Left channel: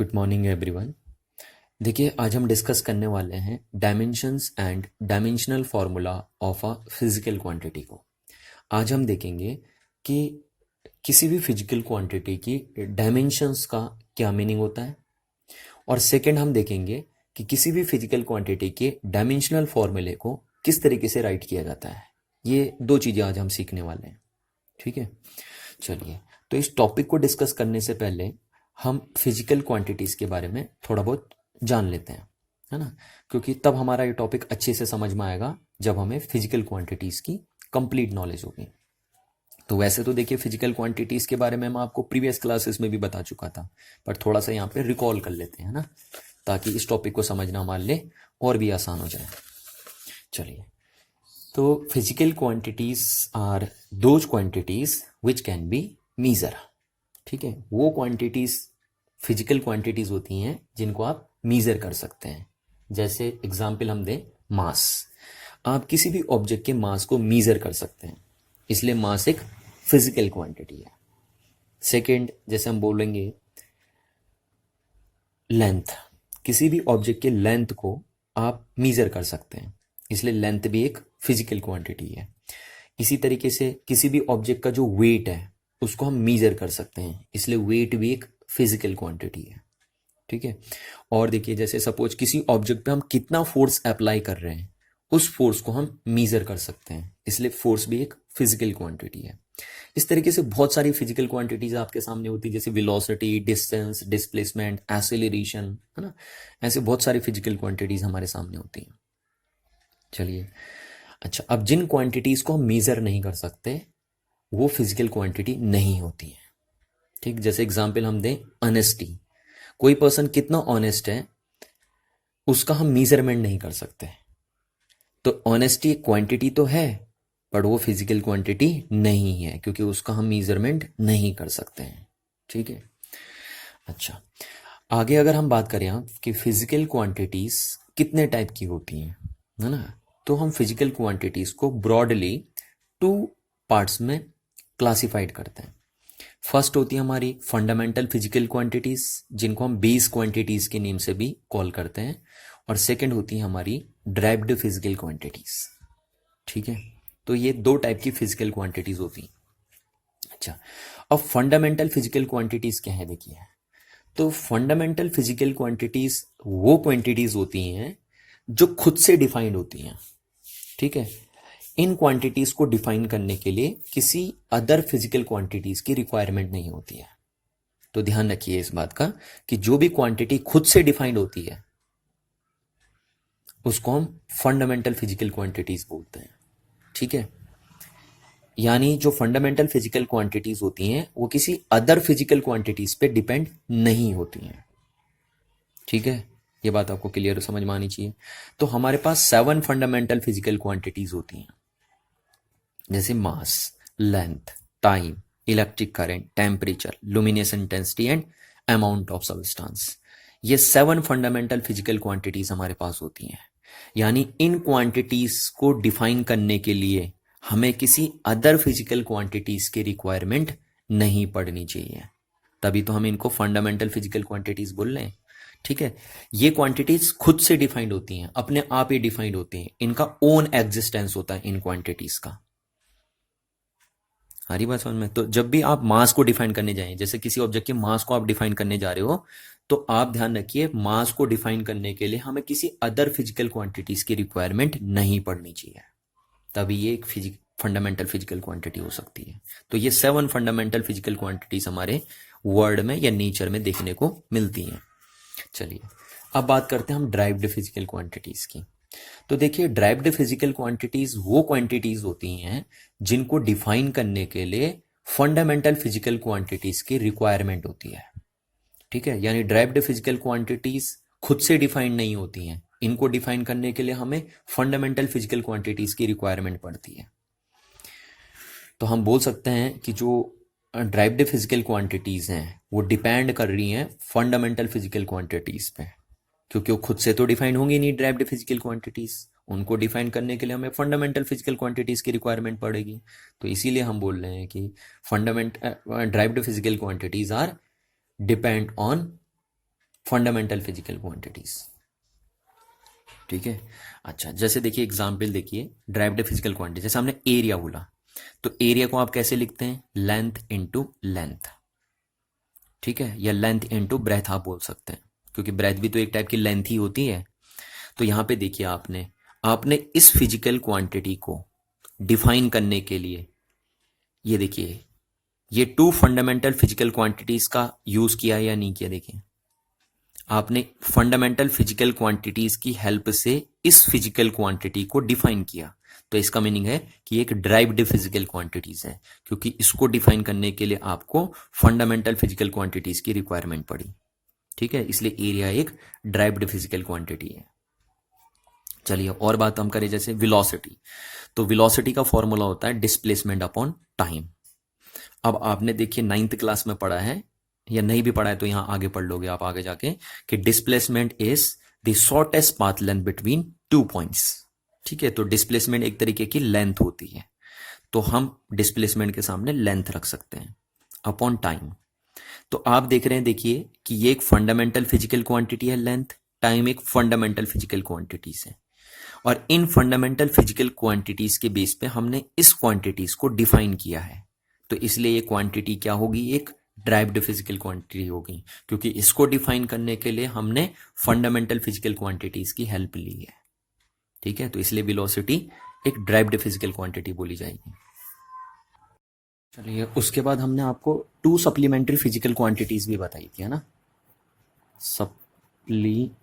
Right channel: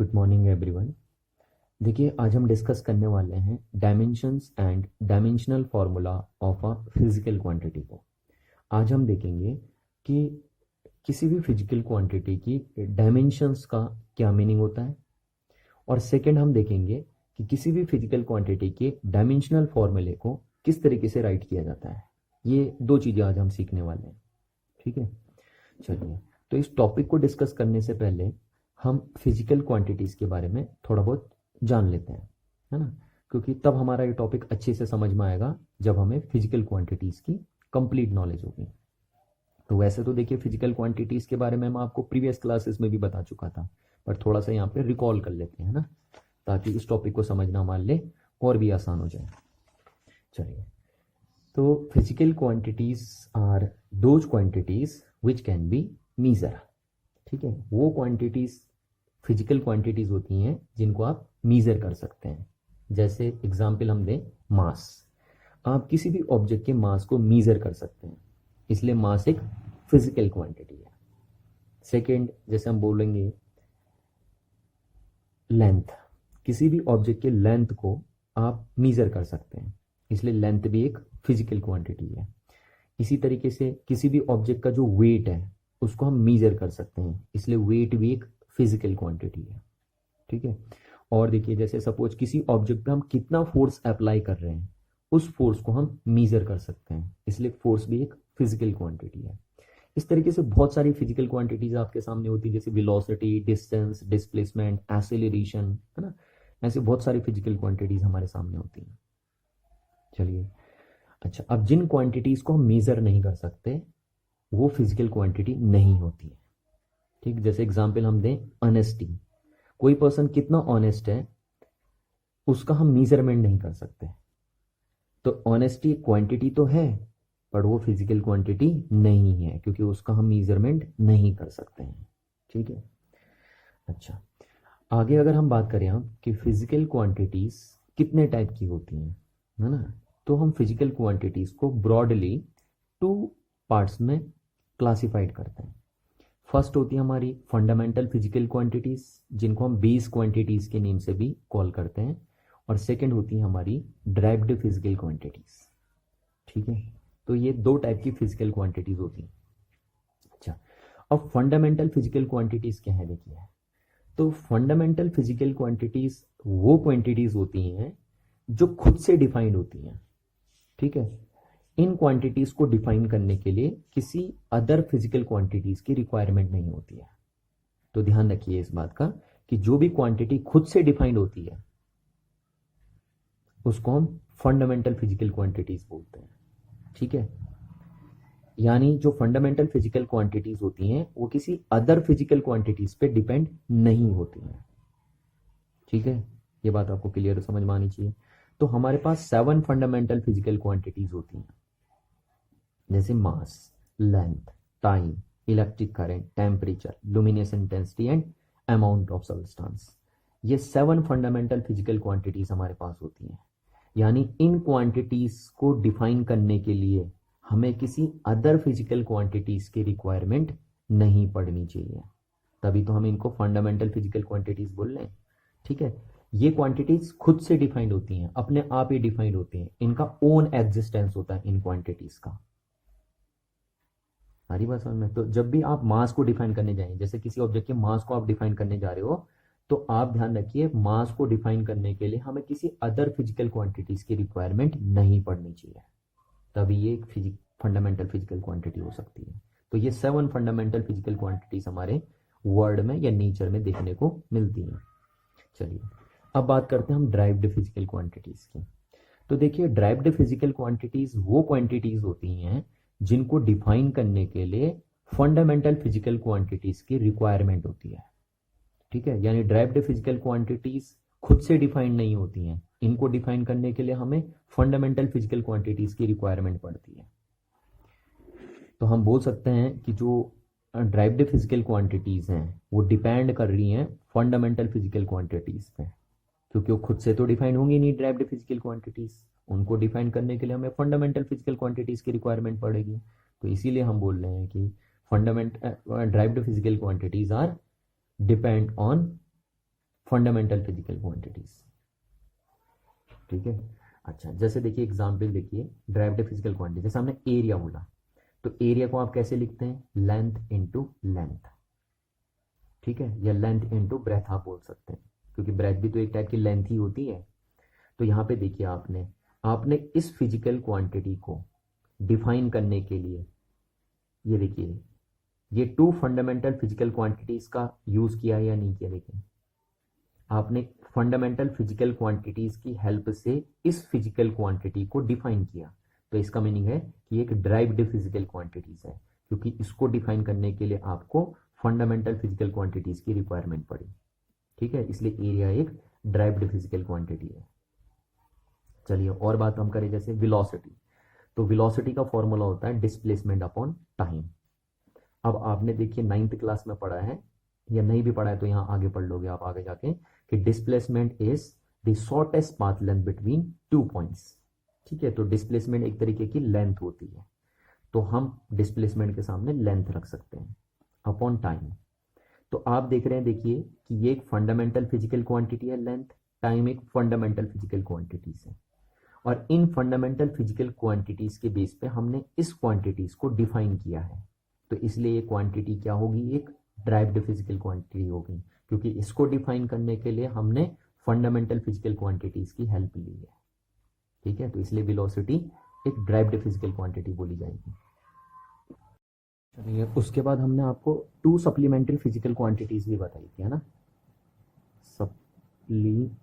Good morning everyone. देखिए, आज हम डिस्कस करने वाले हैं dimensions and dimensional formula of a physical quantity को। आज हम देखेंगे कि किसी भी फिजिकल क्वांटिटी की डायमेंशंस का क्या मीनिंग होता है, और सेकंड हम देखेंगे कि किसी भी फिजिकल क्वांटिटी के डायमेंशनल फार्मूले को किस तरीके से राइट किया जाता है। ये दो चीज़ें आज हम सीखने वाले हैं। ठीक है, चलिए। तो इस टॉपिक को डिस्कस करने से पहले हम फिजिकल क्वांटिटीज़ के बारे में थोड़ा बहुत जान लेते हैं, है ना, क्योंकि तब हमारा ये टॉपिक अच्छे से समझ में आएगा जब हमें फिजिकल क्वांटिटीज़ की कंप्लीट नॉलेज होगी। तो वैसे तो देखिए, फिजिकल क्वांटिटीज़ के बारे में मैं आपको प्रीवियस क्लासेस में भी बता चुका था, पर थोड़ा सा यहाँ पे रिकॉल कर लेते हैं ना, ताकि इस टॉपिक को समझना हमारे लिए और भी आसान हो जाए। चलिए, तो physical quantities are those quantities which can be measure. ठीक है, वो क्वांटिटीज़ फिजिकल क्वांटिटीज़ होती हैं जिनको आप मीज़र कर सकते हैं। जैसे एग्जाम्पल हम दें, मास। आप किसी भी ऑब्जेक्ट के मास को मीज़र कर सकते हैं, इसलिए मास एक फिजिकल क्वांटिटी है। सेकंड, जैसे हम बोलेंगे लेंथ, किसी भी ऑब्जेक्ट के लेंथ को आप मीज़र कर सकते हैं, इसलिए लेंथ भी एक फिजिकल क्वांटिटी है। इसी तरीके से किसी भी ऑब्जेक्ट का जो वेट है उसको हम मीज़र कर सकते हैं, इसलिए वेट भी एक फिजिकल क्वांटिटी है। ठीक है, और देखिए, जैसे सपोज किसी ऑब्जेक्ट पे हम कितना फोर्स अप्लाई कर रहे हैं, उस फोर्स को हम मीज़र कर सकते हैं, इसलिए फोर्स भी एक फिजिकल क्वांटिटी है। इस तरीके से बहुत सारी फिजिकल क्वांटिटीज आपके सामने होती है, जैसे वेलोसिटी, डिस्टेंस, डिस्प्लेसमेंट, एक्सेलरेशन, है ना। ऐसे बहुत सारी फिजिकल क्वांटिटीज हमारे सामने होती हैं। चलिए, अच्छा, अब जिन क्वांटिटीज को हम मेजर नहीं कर सकते वो फिजिकल क्वांटिटी नहीं होती है। ठीक, जैसे एग्जांपल हम दें, ऑनेस्टी। कोई पर्सन कितना ऑनेस्ट है उसका हम मेजरमेंट नहीं कर सकते। तो ऑनेस्टी एक क्वांटिटी तो है, पर वो फिजिकल क्वांटिटी नहीं है, क्योंकि उसका हम मेजरमेंट नहीं कर सकते हैं। ठीक है, अच्छा, आगे अगर हम बात करें आप कि फिजिकल क्वांटिटीज कितने टाइप की होती हैं, है ना, तो हम फिजिकल क्वांटिटीज को ब्रॉडली 2 पार्ट्स में क्लासिफाइड करते हैं। फर्स्ट होती है हमारी फंडामेंटल फिजिकल क्वांटिटीज, जिनको हम बेस क्वांटिटीज के नेम से भी कॉल करते हैं, और सेकंड होती है हमारी ड्राइव्ड फिजिकल क्वांटिटीज। ठीक है, तो ये 2 टाइप की फिजिकल क्वांटिटीज होती हैं। अच्छा, अब फंडामेंटल फिजिकल क्वांटिटीज क्या है, देखिए। तो फंडामेंटल फिजिकल क्वांटिटीज वो क्वांटिटीज होती हैं जो खुद से डिफाइंड होती हैं। ठीक है, इन क्वांटिटीज को डिफाइन करने के लिए किसी अदर फिजिकल क्वांटिटीज की रिक्वायरमेंट नहीं होती है। तो ध्यान रखिए इस बात का कि जो भी क्वांटिटी खुद से डिफाइंड होती है उसको हम फंडामेंटल फिजिकल क्वांटिटीज बोलते हैं। ठीक है, यानी जो फंडामेंटल फिजिकल क्वांटिटीज होती हैं वो किसी अदर फिजिकल क्वांटिटीज पे डिपेंड नहीं होती हैं। ठीक है, ये बात आपको क्लियर समझ में आनी चाहिए। तो हमारे पास 7 फंडामेंटल फिजिकल क्वांटिटीज होती हैं, जैसे mass, length, time, electric current, temperature, luminous intensity and amount of substance. ये 7 फंडामेंटल फिजिकल क्वांटिटीज हमारे पास होती हैं। यानी इन क्वांटिटीज को डिफाइन करने के लिए हमें किसी अदर फिजिकल क्वांटिटीज की रिक्वायरमेंट नहीं पड़नी चाहिए, तभी तो हम इनको फंडामेंटल फिजिकल क्वांटिटीज बोल रहे हैं। ठीक है, ये क्वांटिटीज खुद से डिफाइंड होती हैं, अपने आप ही डिफाइंड होती हैं, इनका ओन एग्जिस्टेंस होता है इन क्वांटिटीज का। हरी बात समझ में। तो जब भी आप मास को डिफाइन करने जाएं, जैसे किसी ऑब्जेक्ट के मास को आप डिफाइन करने जा रहे हो, तो आप ध्यान रखिए मास को डिफाइन करने के लिए हमें किसी अदर फिजिकल क्वांटिटीज की रिक्वायरमेंट नहीं पड़नी चाहिए, तभी ये एक फंडामेंटल फिजिकल क्वांटिटी हो सकती है। तो ये 7 फंडामेंटल फिजिकल क्वांटिटीज हमारे वर्ल्ड में या नेचर में देखने को मिलती हैं। चलिए, अब बात करते हैं हम ड्राइव्ड फिजिकल क्वांटिटीज की। तो देखिए, ड्राइव्ड फिजिकल क्वांटिटीज वो क्वांटिटीज होती हैं जिनको डिफाइन करने के लिए फंडामेंटल फिजिकल क्वांटिटीज की रिक्वायरमेंट होती है। ठीक है, यानी ड्राइव्ड फिजिकल क्वांटिटीज खुद से डिफाइंड नहीं होती हैं, इनको डिफाइन करने के लिए हमें फंडामेंटल फिजिकल क्वांटिटीज की रिक्वायरमेंट पड़ती है। तो हम बोल सकते हैं कि जो ड्राइव्ड फिजिकल क्वांटिटीज हैं वो डिपेंड कर रही हैं फंडामेंटल फिजिकल क्वांटिटीज पे, क्योंकि वो खुद से तो डिफाइन होंगी नहीं ड्राइव्ड फिजिकल क्वांटिटीज, उनको डिफाइन करने के लिए हमें फंडामेंटल फिजिकल क्वांटिटीज की रिक्वायरमेंट पड़ेगी। तो इसीलिए हम बोल रहे हैं कि derived physical quantities are depend on fundamental physical quantities. ठीक है। अच्छा, जैसे देखिए एग्जाम्पल देखिए, ड्राइव्ड फिजिकल क्वांटिटी, जैसे हमने एरिया बोला, तो एरिया को आप कैसे लिखते हैं? Length into length. ठीक है, या लेंथ इनटू ब्रेथ आप बोल सकते हैं, क्योंकि ब्रेथ भी तो एक टाइप की लेंथ ही होती है। तो यहां पे देखिए आपने आपने इस फिजिकल क्वांटिटी को डिफाइन करने के लिए ये देखिए, ये टू फंडामेंटल फिजिकल क्वांटिटीज का यूज किया या नहीं किया? देखिए, आपने फंडामेंटल फिजिकल क्वांटिटीज की हेल्प से इस फिजिकल क्वांटिटी को डिफाइन किया। तो इसका मीनिंग है कि एक ड्राइव्ड फिजिकल क्वांटिटीज है, क्योंकि इसको डिफाइन करने के लिए आपको फंडामेंटल फिजिकल क्वांटिटीज की रिक्वायरमेंट पड़ी। ठीक है, इसलिए एरिया एक ड्राइव्ड फिजिकल क्वांटिटी है। चलिए और बात हम करें, जैसे वेलोसिटी। तो वेलोसिटी का फॉर्मूला होता है डिस्प्लेसमेंट अपॉन टाइम। अब आपने देखिए 9th क्लास में पढ़ा है, या नहीं भी पढ़ा है तो यहां आगे पढ़ लोगे आप आगे जाके, कि displacement is the shortest path length between 2 points. ठीक है, तो डिस्प्लेसमेंट एक तरीके की लेंथ होती है, तो हम डिस्प्लेसमेंट के सामने लेंथ रख सकते हैं अपॉन टाइम। तो आप देख रहे हैं, देखिए कि ये एक फंडामेंटल फिजिकल क्वांटिटी है लेंथ, टाइम एक फंडामेंटल फिजिकल क्वांटिटीज है, और इन फंडामेंटल फिजिकल क्वांटिटीज के बेस पे हमने इस क्वांटिटीज को डिफाइन किया है। तो इसलिए ये क्वांटिटी क्या होगी? एक ड्राइव्ड फिजिकल क्वांटिटी होगी, क्योंकि इसको डिफाइन करने के लिए हमने फंडामेंटल फिजिकल क्वांटिटीज की हेल्प ली है। ठीक है, तो इसलिए वेलोसिटी एक ड्राइव्ड फिजिकल क्वांटिटी बोली जाएगी। चलिए, उसके बाद हमने आपको टू सप्लीमेंट्री फिजिकल क्वांटिटीज भी बताई थी, है ना? सप्लीमेंट्री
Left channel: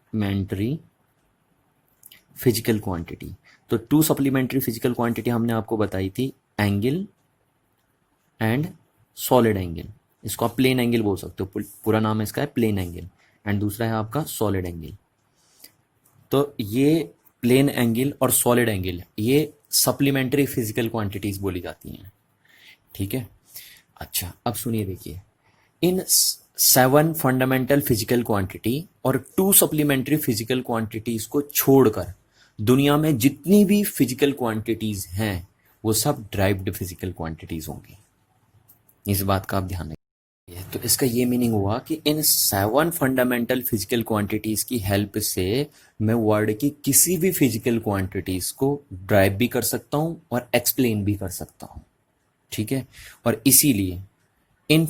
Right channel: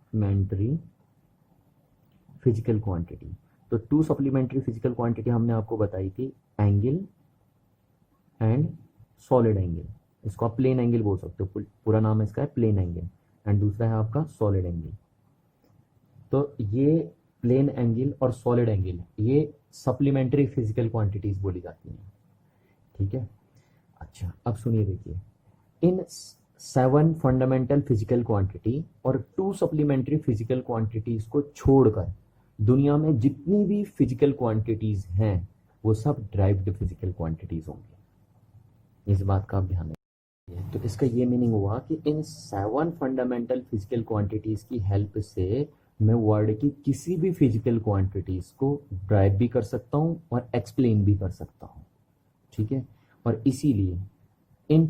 फिजिकल क्वांटिटी, तो टू सप्लीमेंट्री फिजिकल क्वांटिटी हमने आपको बताई थी, एंगल एंड सॉलिड एंगल। इसको आप प्लेन एंगल बोल सकते हो, पूरा नाम इसका है प्लेन एंगल, एंड दूसरा है आपका सॉलिड एंगल। तो ये प्लेन एंगल और सॉलिड एंगल ये सप्लीमेंट्री फिजिकल क्वांटिटीज बोली जाती हैं। ठीक है। अच्छा, अब सुनिए, देखिए, इन 7 फंडामेंटल फिजिकल क्वांटिटी और 2 सप्लीमेंट्री फिजिकल क्वांटिटीज को छोड़कर दुनिया में जितनी भी फिजिकल क्वांटिटीज हैं वो सब ड्राइव्ड फिजिकल क्वांटिटीज होंगी। इस बात का आप ध्यान रखिए। तो इसका ये मीनिंग हुआ कि इन 7 फंडामेंटल फिजिकल क्वांटिटीज की हेल्प से मैं वर्ल्ड की किसी भी फिजिकल क्वांटिटीज को ड्राइव भी कर सकता हूं और एक्सप्लेन भी कर सकता हूं। ठीक है, और इसीलिए इन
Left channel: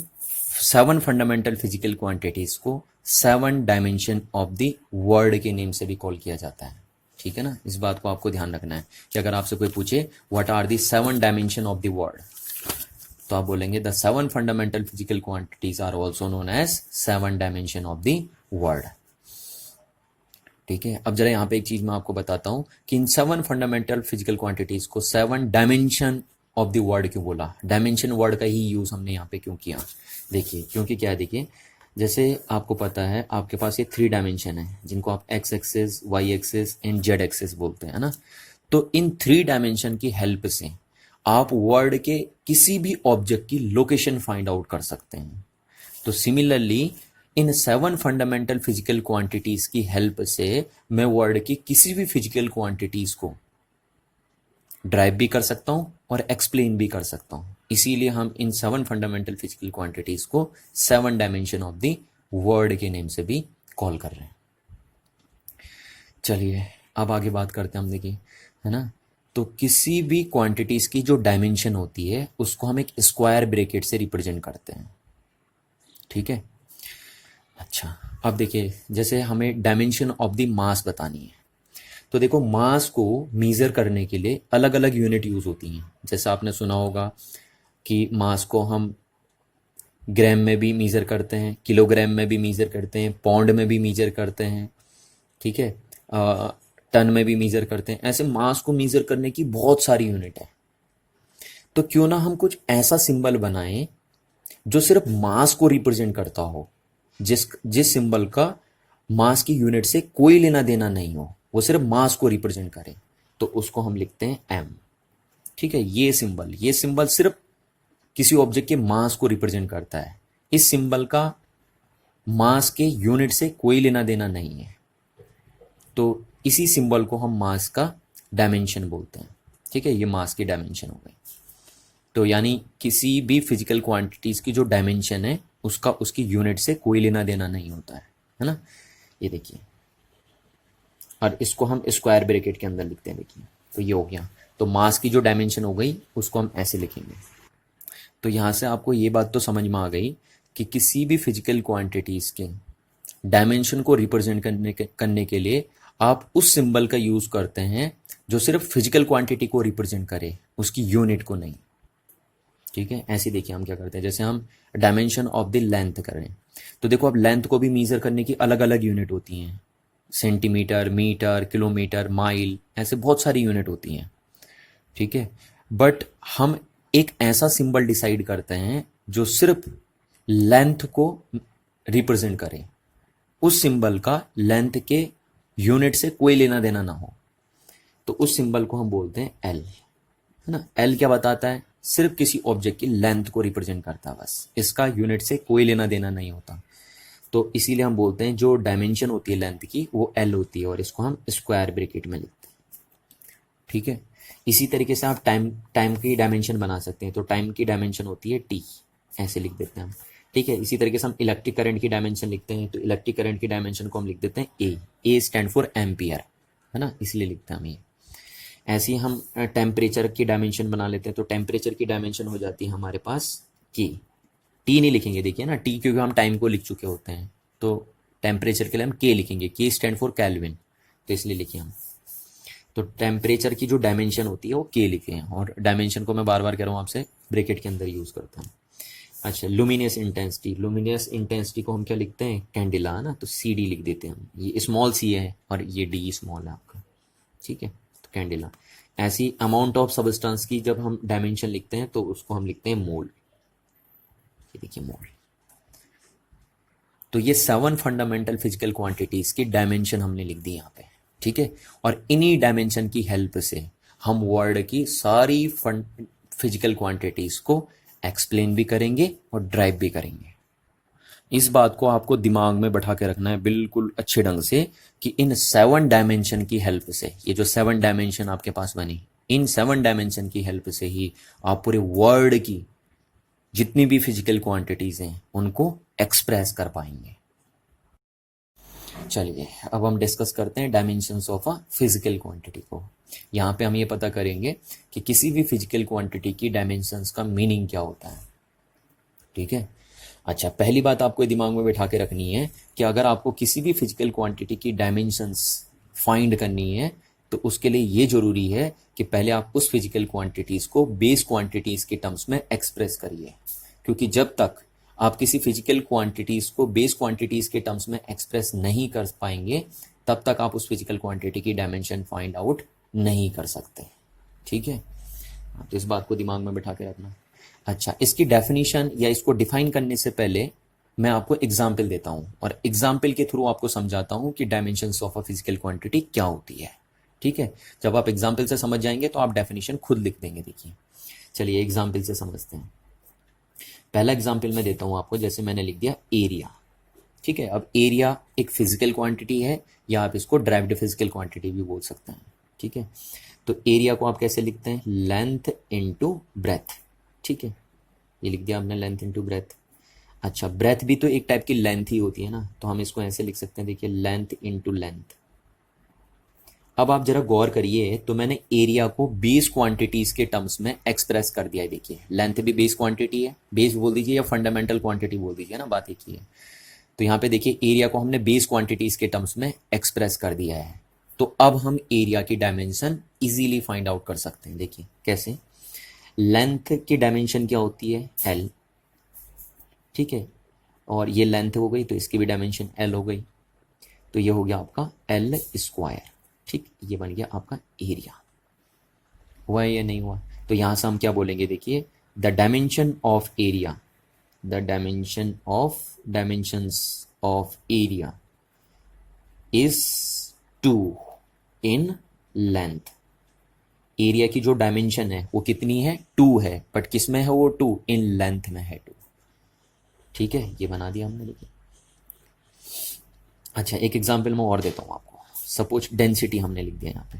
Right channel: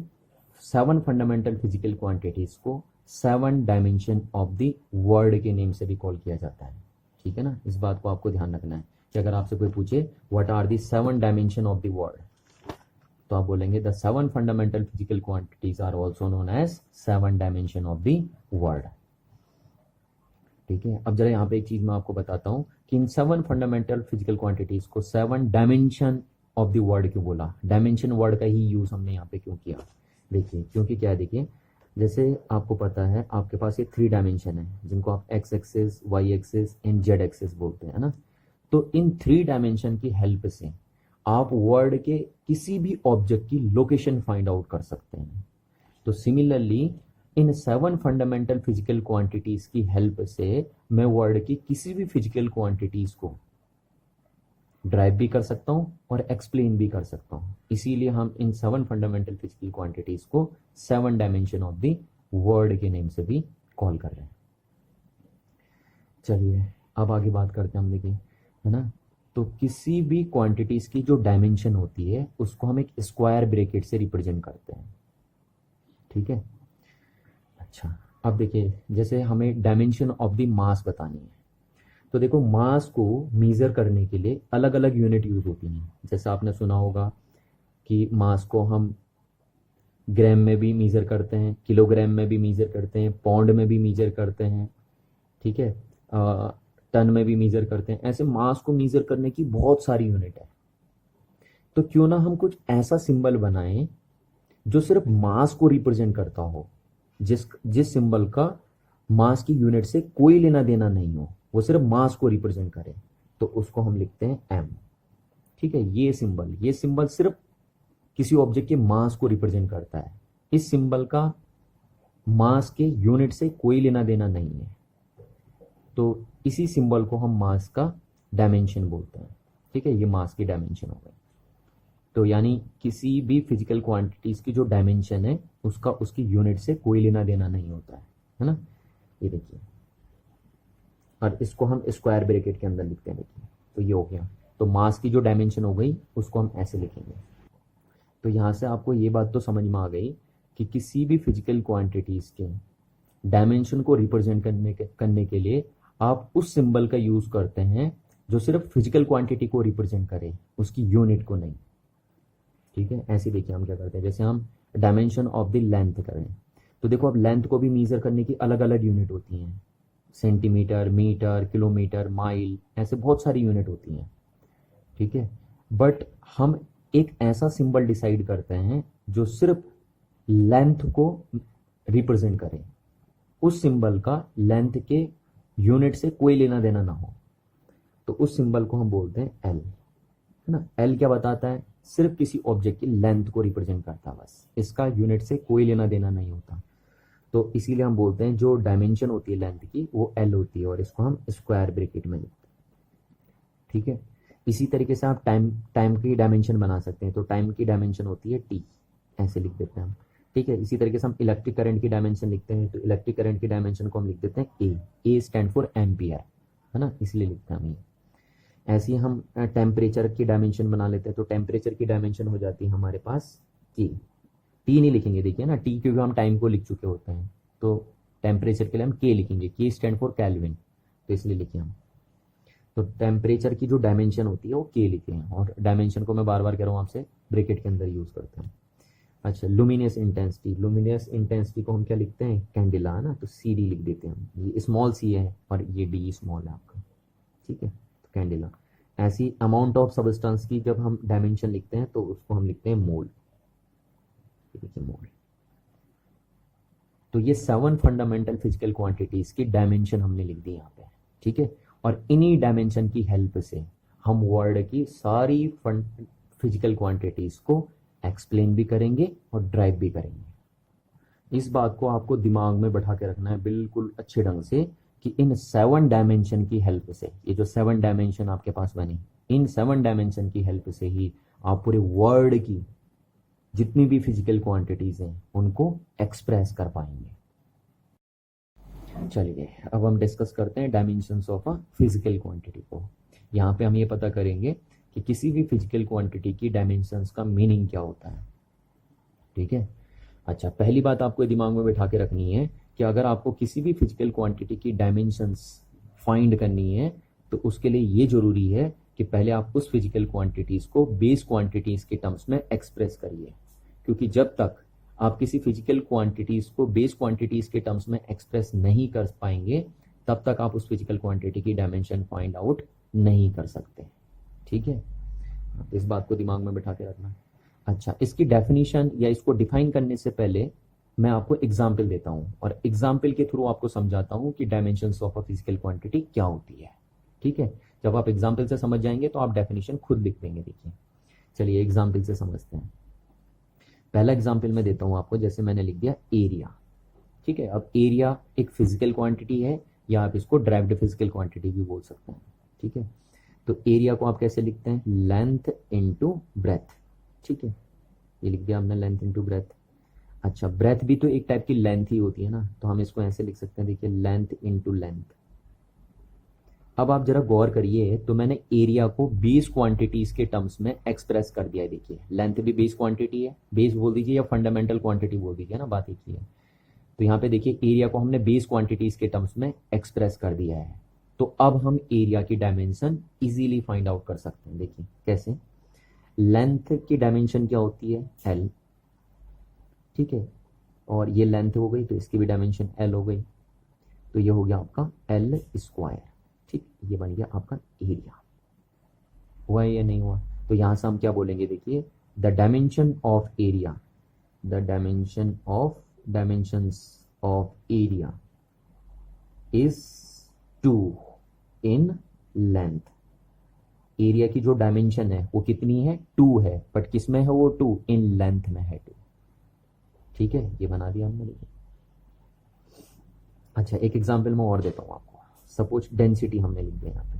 7 फंडामेंटल फिजिकल क्वांटिटीज को 7 डायमेंशन ऑफ द वर्ल्ड के नेम से भी कॉल किया जाता है। ठीक है ना, इस बात को आपको ध्यान रखना है कि अगर आपसे कोई पूछे what are the 7 dimension of the world, तो आप बोलेंगे the 7 fundamental physical quantities are also known as 7 dimension of the world. ठीक है, अब जरा यहाँ पे एक चीज मैं आपको बताता हूँ कि इन 7 फंडामेंटल फिजिकल क्वांटिटीज को 7 डायमेंशन ऑफ द वर्ल्ड क्यों बोला? डायमेंशन वर्ड का ही यूज हमने यहाँ पे क्यों किया? देखिए, क्योंकि क्या है, देखिए, जैसे आपको पता है आपके पास ये 3 डायमेंशन है जिनको आप X axis, Y axis and Z axis बोलते हैं ना। तो इन 3 डायमेंशन की हेल्प से आप वर्ल्ड के किसी भी ऑब्जेक्ट की लोकेशन फाइंड आउट कर सकते हैं। तो similarly in 7 fundamental physical quantities की हेल्प से मैं वर्ल्ड की किसी भी फिजिकल क्वांटिटीज को ड्राइव भी कर सकता हूं और एक्सप्लेन भी कर सकता हूं। इसीलिए हम इन 7 फंडामेंटल फिजिकल क्वांटिटीज को 7 डायमेंशन ऑफ द वर्ल्ड के नेम से भी कॉल कर रहे हैं। चलिए अब आगे बात करते हैं हम, देखिए, है ना। तो किसी भी क्वांटिटीज की जो डायमेंशन होती है उसको हम एक स्क्वायर ब्रैकेट से रिप्रेजेंट करते हैं। ठीक है। अच्छा, अब देखिए, जैसे हमें डायमेंशन ऑफ द मास बतानी है, तो देखो मास को मीज़र करने के लिए अलग अलग यूनिट यूज़ होती हैं। जैसे आपने सुना होगा कि मास को हम ग्राम में भी मीज़र करते हैं, किलोग्राम में भी मीज़र करते हैं, पाउंड में भी मीज़र करते हैं। ठीक है, टन में भी मीज़र करते हैं। ऐसे मास को मीज़र करने की बहुत सारी यूनिट है। तो क्यों ना हम कुछ ऐसा सिंबल बनाएं जो सिर्फ मास को रिप्रेजेंट करता हो, जिस सिंबल का मास की यूनिट से कोई लेना देना नहीं हो, वो सिर्फ मास को रिप्रेजेंट करे, तो उसको हम लिखते हैं एम। ठीक है, ये सिंबल सिर्फ किसी ऑब्जेक्ट के मास को रिप्रेजेंट करता है। इस सिंबल का मास के यूनिट से कोई लेना देना नहीं है, तो इसी सिंबल को हम मास का डायमेंशन बोलते हैं। ठीक है, ये मास की डायमेंशन हो गई। तो यानी किसी भी फिजिकल क्वांटिटीज की जो डायमेंशन है उसका उसकी यूनिट से कोई लेना देना नहीं होता है ना। ये देखिए, और इसको हम स्क्वायर ब्रैकेट के अंदर लिखते हैं, देखिए तो ये हो गया। तो मास की जो डायमेंशन हो गई उसको हम ऐसे लिखेंगे। तो यहाँ से आपको ये बात तो समझ में आ गई कि किसी भी फिजिकल क्वांटिटीज़ के डायमेंशन को रिप्रेजेंट करने के लिए आप उस सिंबल का यूज़ करते हैं जो सिर्फ फिजिकल क्वांटिटी को रिप्रेजेंट करे, उसकी यूनिट को नहीं। ठीक है, ऐसे देखिए हम क्या करते हैं, जैसे हम डायमेंशन ऑफ द लेंथ करें, तो देखो अब लेंथ को भी मेज़र करने की अलग अलग यूनिट होती हैं, सेंटीमीटर, मीटर, किलोमीटर, माइल, ऐसे बहुत सारी यूनिट होती हैं। ठीक है, बट हम एक ऐसा सिंबल डिसाइड करते हैं जो सिर्फ लेंथ को रिप्रेजेंट करे, उस सिंबल का लेंथ के यूनिट से कोई लेना देना ना हो, तो उस सिंबल को हम बोलते हैं एल, है ना। एल क्या बताता है, सिर्फ किसी ऑब्जेक्ट की लेंथ को रिप्रेजेंट करता है, बस इसका यूनिट से कोई लेना देना नहीं होता। तो इसीलिए हम बोलते हैं जो डायमेंशन होती है लेंथ की वो एल होती है, और इसको हम स्क्वायर ब्रैकेट में लिखते हैं। ठीक है, इसी तरीके से आप टाइम की डायमेंशन बना सकते हैं, तो टाइम की डायमेंशन होती है टी, ऐसे लिख देते हैं हम। ठीक है, इसी तरीके से हम इलेक्ट्रिक करंट की डायमेंशन लिखते हैं, तो इलेक्ट्रिक करंट की डायमेंशन को हम लिख देते हैं ए स्टैंड फॉर एम्पियर, है ना, इसलिए लिखते हैं हम ये। ऐसे ही हम टेम्परेचर की डायमेंशन बना लेते हैं, तो टेम्परेचर की डायमेंशन हो जाती है हमारे पास के, टी नहीं लिखेंगे, देखिए ना, टी क्योंकि हम टाइम को लिख चुके होते हैं, तो टेम्परेचर के लिए हम के लिखेंगे, के स्टैंड फॉर केल्विन, तो इसलिए लिखिए हम। तो टेम्परेचर की जो डायमेंशन होती है वो के लिखे हैं, और डायमेंशन को मैं बार बार कह रहा हूँ आपसे, ब्रैकेट के अंदर यूज़ करता हूँ। अच्छा, लुमिनियस इंटेंसिटी को हम क्या लिखते हैं, कैंडिला, है ना, तो सी डी लिख देते हैं हम, ये स्मॉल सी है और ये डी स्मॉल है आपका। ठीक है, तो कैंडिला। ऐसी अमाउंट ऑफ सबस्टेंस की जब हम डायमेंशन लिखते हैं तो उसको हम लिखते हैं मोल, ये देखिए मोल। तो ये 7 फंडामेंटल फिजिकल क्वांटिटीज की डायमेंशन हमने लिख दी यहाँ पे। ठीक है, और इन्हीं डायमेंशन की हेल्प से हम वर्ल्ड की सारी फिजिकल क्वांटिटीज को एक्सप्लेन भी करेंगे और ड्राइव भी करेंगे। इस बात को आपको दिमाग में बैठा के रखना है बिल्कुल अच्छे ढंग से कि इन 7 डायमेंशन की हेल्प से, ये जो 7 डायमेंशन आपके पास बनी, इन 7 डायमेंशन की हेल्प से ही आप पूरे वर्ल्ड की जितनी भी फिजिकल क्वांटिटीज हैं उनको एक्सप्रेस कर पाएंगे। चलिए अब हम डिस्कस करते हैं dimensions of a physical quantity को। यहाँ पे हम ये पता करेंगे कि किसी भी फिजिकल क्वांटिटी की डायमेंशंस का मीनिंग क्या होता है। ठीक है, अच्छा, पहली बात आपको दिमाग में बैठा के रखनी है कि अगर आपको किसी भी फिजिकल क्वांटिटी की डायमेंशंस फाइंड करनी है तो उसके लिए ये जरूरी है कि पहले आप उस फिजिकल क्वांटिटीज को बेस क्वांटिटीज के टर्म्स में एक्सप्रेस करिए, क्योंकि जब तक आप किसी फिजिकल क्वांटिटीज को बेस क्वांटिटीज के टर्म्स में एक्सप्रेस नहीं कर पाएंगे तब तक आप उस फिजिकल क्वांटिटी की डायमेंशन फाइंड आउट नहीं कर सकते। ठीक है, तो इस बात को दिमाग में बैठा के रखना। अच्छा, इसकी डेफिनेशन या इसको डिफाइन करने से पहले मैं आपको एग्जाम्पल देता हूं और एग्जाम्पल के थ्रू आपको समझाता हूं कि dimensions of a physical quantity क्या होती है। ठीक है, जब आप एग्जाम्पल से समझ जाएंगे तो आप डेफिनेशन खुद लिख देंगे। देखिए, चलिए एग्जाम्पल से समझते हैं। पहला एग्जाम्पल मैं देता हूं आपको, जैसे मैंने लिख दिया एरिया। ठीक है, अब एरिया एक फिजिकल क्वांटिटी है या आप इसको ड्राइव्ड फिजिकल क्वांटिटी भी बोल सकते हैं। ठीक है, तो एरिया को आप कैसे लिखते हैं, लेंथ इनटू ब्रेथ। ठीक है, ये लिख दिया हमने, लेंथ इनटू ब्रेथ। अच्छा, ब्रेथ भी तो एक टाइप की लेंथ ही होती है ना, तो हम इसको ऐसे लिख सकते हैं, देखिए लेंथ इनटू लेंथ। अब आप जरा गौर करिए, तो मैंने एरिया को बेस क्वांटिटीज के टर्म्स में एक्सप्रेस कर दिया है। देखिए, लेंथ भी बेस क्वांटिटी है, बेस बोल दीजिए या फंडामेंटल क्वांटिटी बोल दीजिए ना, बात एक ही है। तो यहाँ पे देखिए एरिया को हमने बेस क्वांटिटीज के टर्म्स में एक्सप्रेस कर दिया है, तो अब हम एरिया की डायमेंशन इजीली फाइंड आउट कर सकते हैं। देखिए कैसे, लेंथ की डायमेंशन क्या होती है, एल। ठीक है, और ये लेंथ हो गई तो इसकी भी डायमेंशन एल हो गई, तो ये हो गया आपका एल स्क्वायर। ठीक, ये बन गया आपका एरिया। हुआ या नहीं हुआ, तो यहां से हम क्या बोलेंगे, देखिए the dimension of area, the dimensions of area is 2 in length. Area की जो डायमेंशन है वो कितनी है, 2 है, बट किस में है वो 2, इन लेंथ में है 2। ठीक है, ये बना दिया हमने। देखिए, अच्छा एक एग्जांपल मैं और देता हूँ आपको। सपोज डेंसिटी हमने लिख दिया यहाँ पे,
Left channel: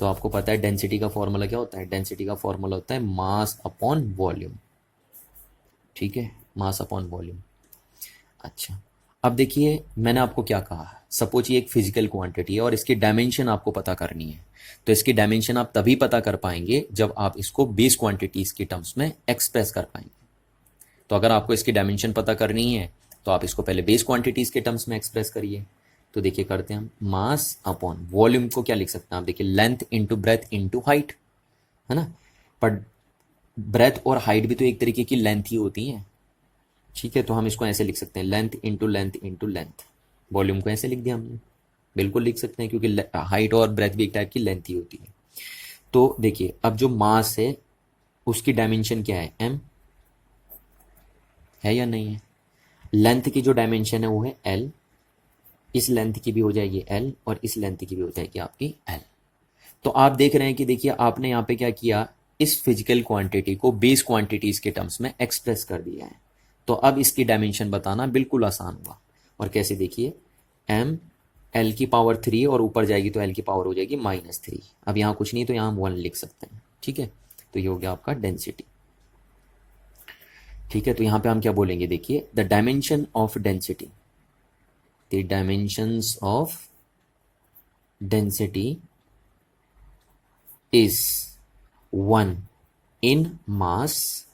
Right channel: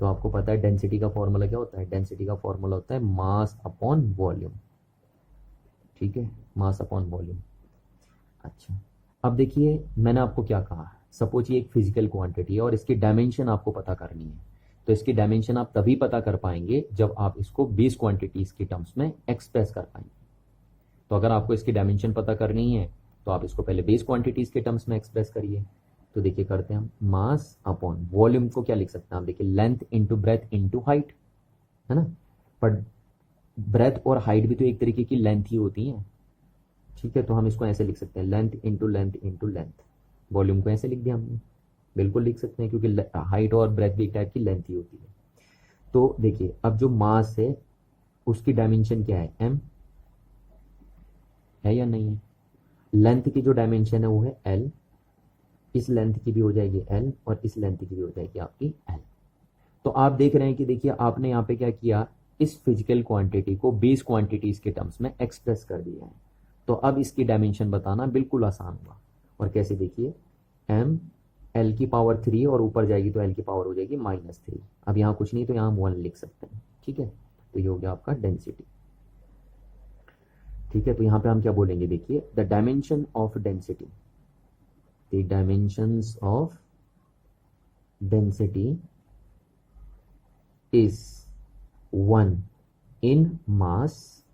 तो आपको पता है डेंसिटी का फॉर्मूला क्या होता है, डेंसिटी का फॉर्मूला होता है मास अपॉन वॉल्यूम। ठीक है, मास अपॉन वॉल्यूम। अच्छा, अब देखिए मैंने आपको क्या कहा, सपोज ये एक फिजिकल क्वांटिटी है और इसकी डायमेंशन आपको पता करनी है। तो इसकी डायमेंशन आप तभी पता कर पाएंगे जब आप इसको बेस क्वांटिटीज के टर्म्स में एक्सप्रेस कर पाएंगे। तो अगर आपको इसकी डायमेंशन पता करनी है तो आप इसको पहले बेस क्वांटिटीज के टर्म्स में एक्सप्रेस करिए। तो देखिए करते हैं हम, मास अपॉन वॉल्यूम को क्या लिख सकते हैं आप, देखिए length into breadth into height, है ना। पर ब्रेथ और हाइट भी तो एक तरीके की लेंथ ही होती है, ठीक है। तो हम इसको ऐसे लिख सकते हैं, length into length into length. Volume को ऐसे लिख दिया हमने, बिल्कुल लिख सकते हैं क्योंकि हाइट और ब्रेथ भी एक टाइप की लेंथ ही होती है। तो देखिए अब जो मास है उसकी डायमेंशन क्या है, m है या नहीं है। लेंथ की जो डायमेंशन है वो है l, इस लेंथ की भी हो जाएगी l और इस लेंथ की भी हो जाएगी आपकी l। तो आप देख रहे हैं कि देखिए आपने यहाँ पे क्या किया, इस फिजिकल क्वांटिटी को बेस क्वांटिटीज के टर्म्स में एक्सप्रेस कर दिया है। तो अब इसकी डायमेंशन बताना बिल्कुल आसान हुआ। और कैसे, देखिए m l की पावर 3 और ऊपर जाएगी तो l की पावर हो जाएगी -3। अब यहाँ कुछ नहीं तो यहाँ हम 1 लिख सकते हैं, ठीक है। तो ये हो गया आपका डेंसिटी, ठीक है। तो यहाँ पे हम क्या बोलेंगे, देखिए the dimension of density, the dimensions of density is 1 इन मास,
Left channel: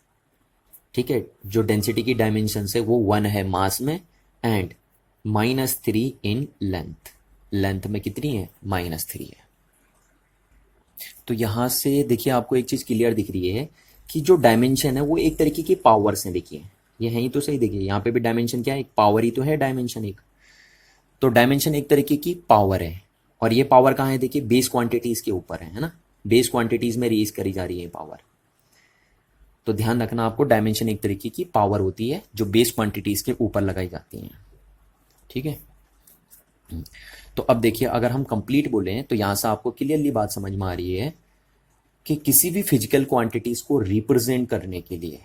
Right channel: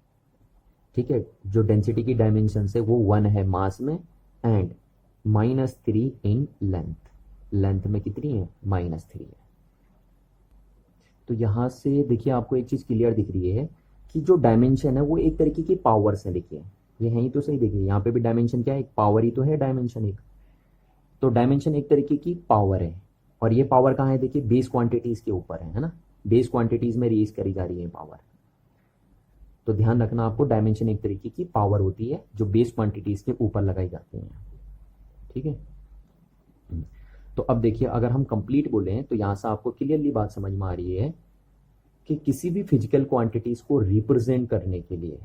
ठीक है। जो डेंसिटी की डायमेंशन है वो 1 है मास में, एंड -3 इन लेंथ, लेंथ में कितनी है, -3 है। तो यहां से देखिए आपको एक चीज क्लियर दिख रही है कि जो डायमेंशन है वो एक तरीके की पावर्स हैं। देखिए ये है ही तो सही, देखिए यहाँ पे भी डायमेंशन क्या है, एक पावर ही तो है डायमेंशन एक। तो डायमेंशन एक तरीके की पावर है, और ये पावर कहाँ है, देखिए बेस क्वांटिटीज के ऊपर है ना। बेस क्वांटिटीज में रेज करी जा रही है पावर। तो ध्यान रखना आपको, डायमेंशन एक तरीके की पावर होती है जो बेस क्वांटिटीज के ऊपर लगाई जाती हैं, ठीक है। तो अब देखिए अगर हम कंप्लीट बोलें तो यहां से आपको क्लियरली बात समझ में आ रही है कि किसी भी फिजिकल क्वांटिटीज को रिप्रेजेंट करने के लिए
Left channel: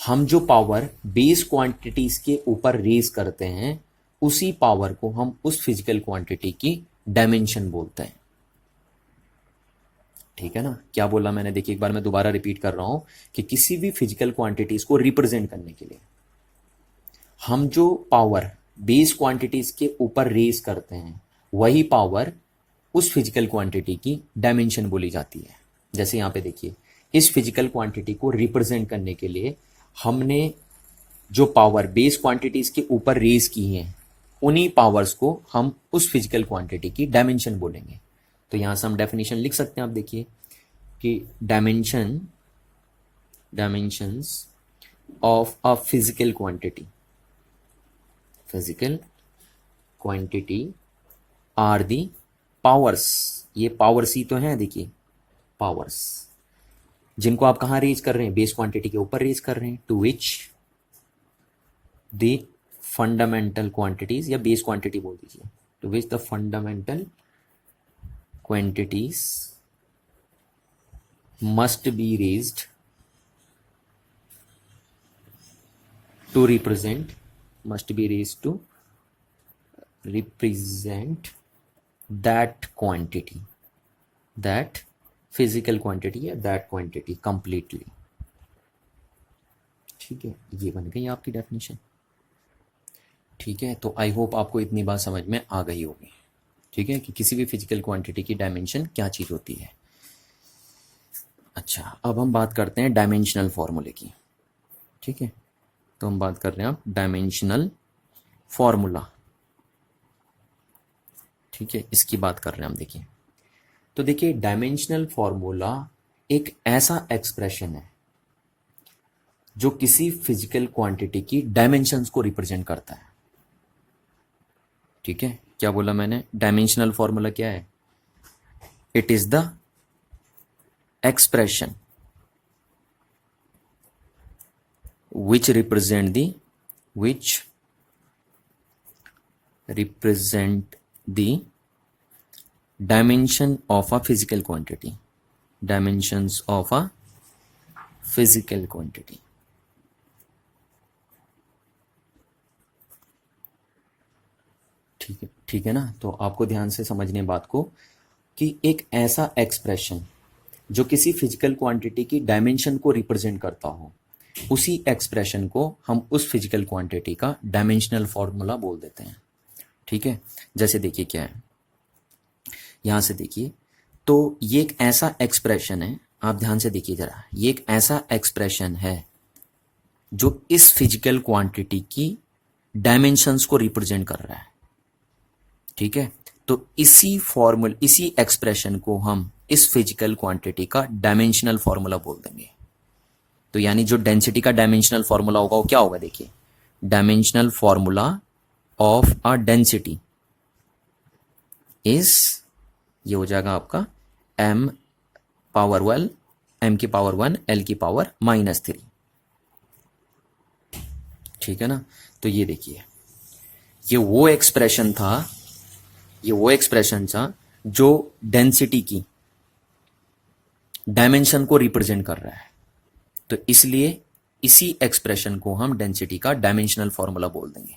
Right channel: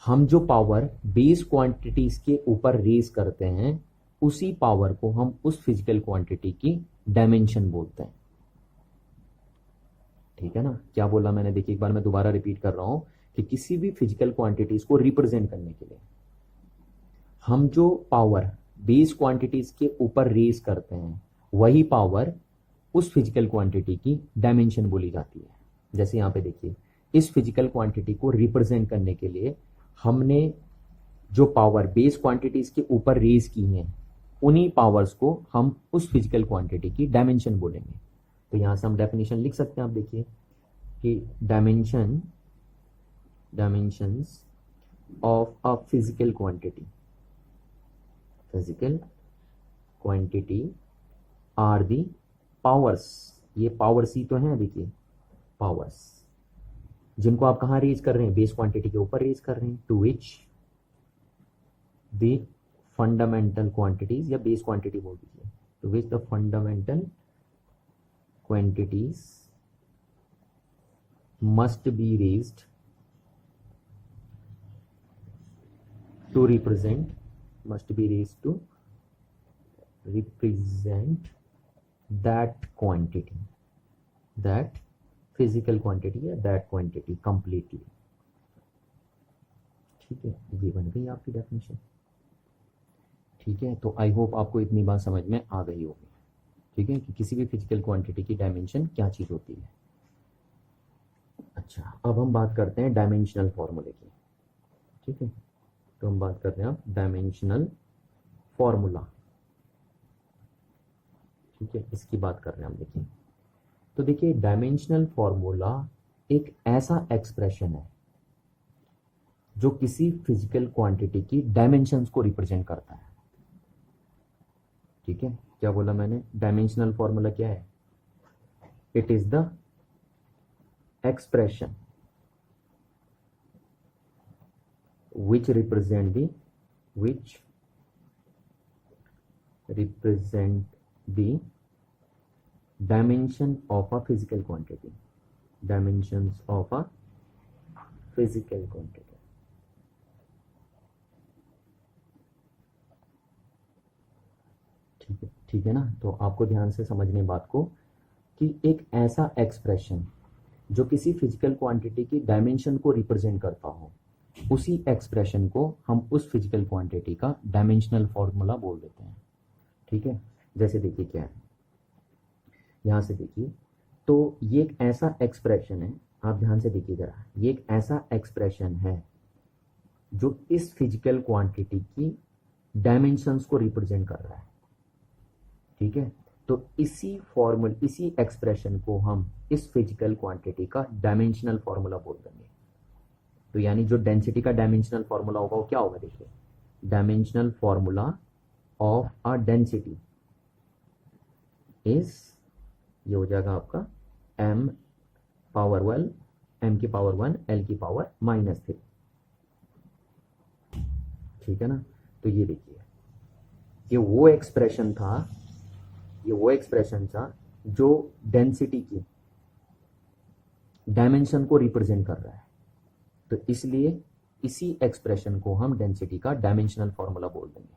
हम जो पावर बेस क्वांटिटीज के ऊपर रेज करते हैं उसी पावर को हम उस फिजिकल क्वांटिटी की डायमेंशन बोलते हैं, ठीक है ना। क्या बोला मैंने, देखिए एक बार मैं दोबारा रिपीट कर रहा हूं कि किसी भी फिजिकल क्वांटिटीज को रिप्रेजेंट करने के लिए हम जो पावर बेस क्वांटिटीज के ऊपर रेज करते हैं वही पावर उस फिजिकल क्वांटिटी की डायमेंशन बोली जाती है। जैसे यहां पे देखिए इस फिजिकल क्वांटिटी को रिप्रेजेंट करने के लिए हमने जो पावर बेस क्वांटिटीज के ऊपर रेज की हैं उन्हीं पावर्स को हम उस फिजिकल क्वांटिटी की डायमेंशन बोलेंगे। तो यहां से हम डेफिनेशन लिख सकते हैं, आप देखिए कि dimensions of a physical quantity are the powers. ये पावर्स ही तो हैं, देखिए पावर्स जिनको आप कहाँ रेज कर रहे हैं, बेस क्वांटिटी के ऊपर रेज कर रहे हैं, to which the fundamental quantities, या बेस क्वांटिटी बोल दीजिए, to which the fundamental quantities must be raised to represent that quantity, that physical quantity या that quantity completely, ठीक है। ये बन गई आपकी डेफिनेशन, ठीक है। तो आई होप आपको इतनी बात समझ में आ गई होगी, ठीक है, कि किसी भी फिजिकल क्वांटिटी की डायमेंशन क्या चीज होती है। अच्छा अब हम बात करते हैं डायमेंशनल फॉर्मूले की, ठीक है। तो हम बात कर रहे हैं अब डायमेंशनल फॉर्मूला, ठीक है, इसकी बात कर रहे हैं हम। देखिए तो देखिए डायमेंशनल फॉर्मूला एक ऐसा एक्सप्रेशन है जो किसी फिजिकल क्वांटिटी की डायमेंशंस को रिप्रेजेंट करता है, ठीक है। क्या बोला मैंने, डायमेंशनल फॉर्मूला क्या है, it is the expression which represent the dimension of a physical quantity, dimensions of a physical quantity, ठीक है ना। तो आपको ध्यान से समझने बात को कि एक ऐसा एक्सप्रेशन जो किसी फिजिकल क्वांटिटी की डायमेंशन को रिप्रेजेंट करता हो, उसी एक्सप्रेशन को हम उस फिजिकल क्वांटिटी का डायमेंशनल फॉर्मूला बोल देते हैं। ठीक है, जैसे देखिए क्या है, यहाँ से देखिए, तो ये एक ऐसा एक्सप्रेशन है, आप ध्यान से देखिए जरा, ये एक ऐसा एक्सप्रेशन है जो इस फिजिकल क्वांटिटी की डायमेंशंस को रिप्रेजेंट कर रहा है। ठीक है, तो इसी एक्सप्रेशन को हम इस फिजिकल क्वांटिटी का डायमेंशनल फॉर्मूला बोल देंगे। तो यानी जो डेंसिटी का डायमेंशनल फॉर्मूला होगा वो क्या होगा, देखिए, dimensional formula of a density is, ये हो जाएगा आपका m पावर 1, m की पावर 1, l की पावर -3। ठीक है ना, तो ये देखिए, ये वो एक्सप्रेशन था जो डेंसिटी की डायमेंशन को रिप्रेजेंट कर रहा है। तो इसलिए इसी एक्सप्रेशन को हम डेंसिटी का डायमेंशनल फॉर्मूला बोल देंगे।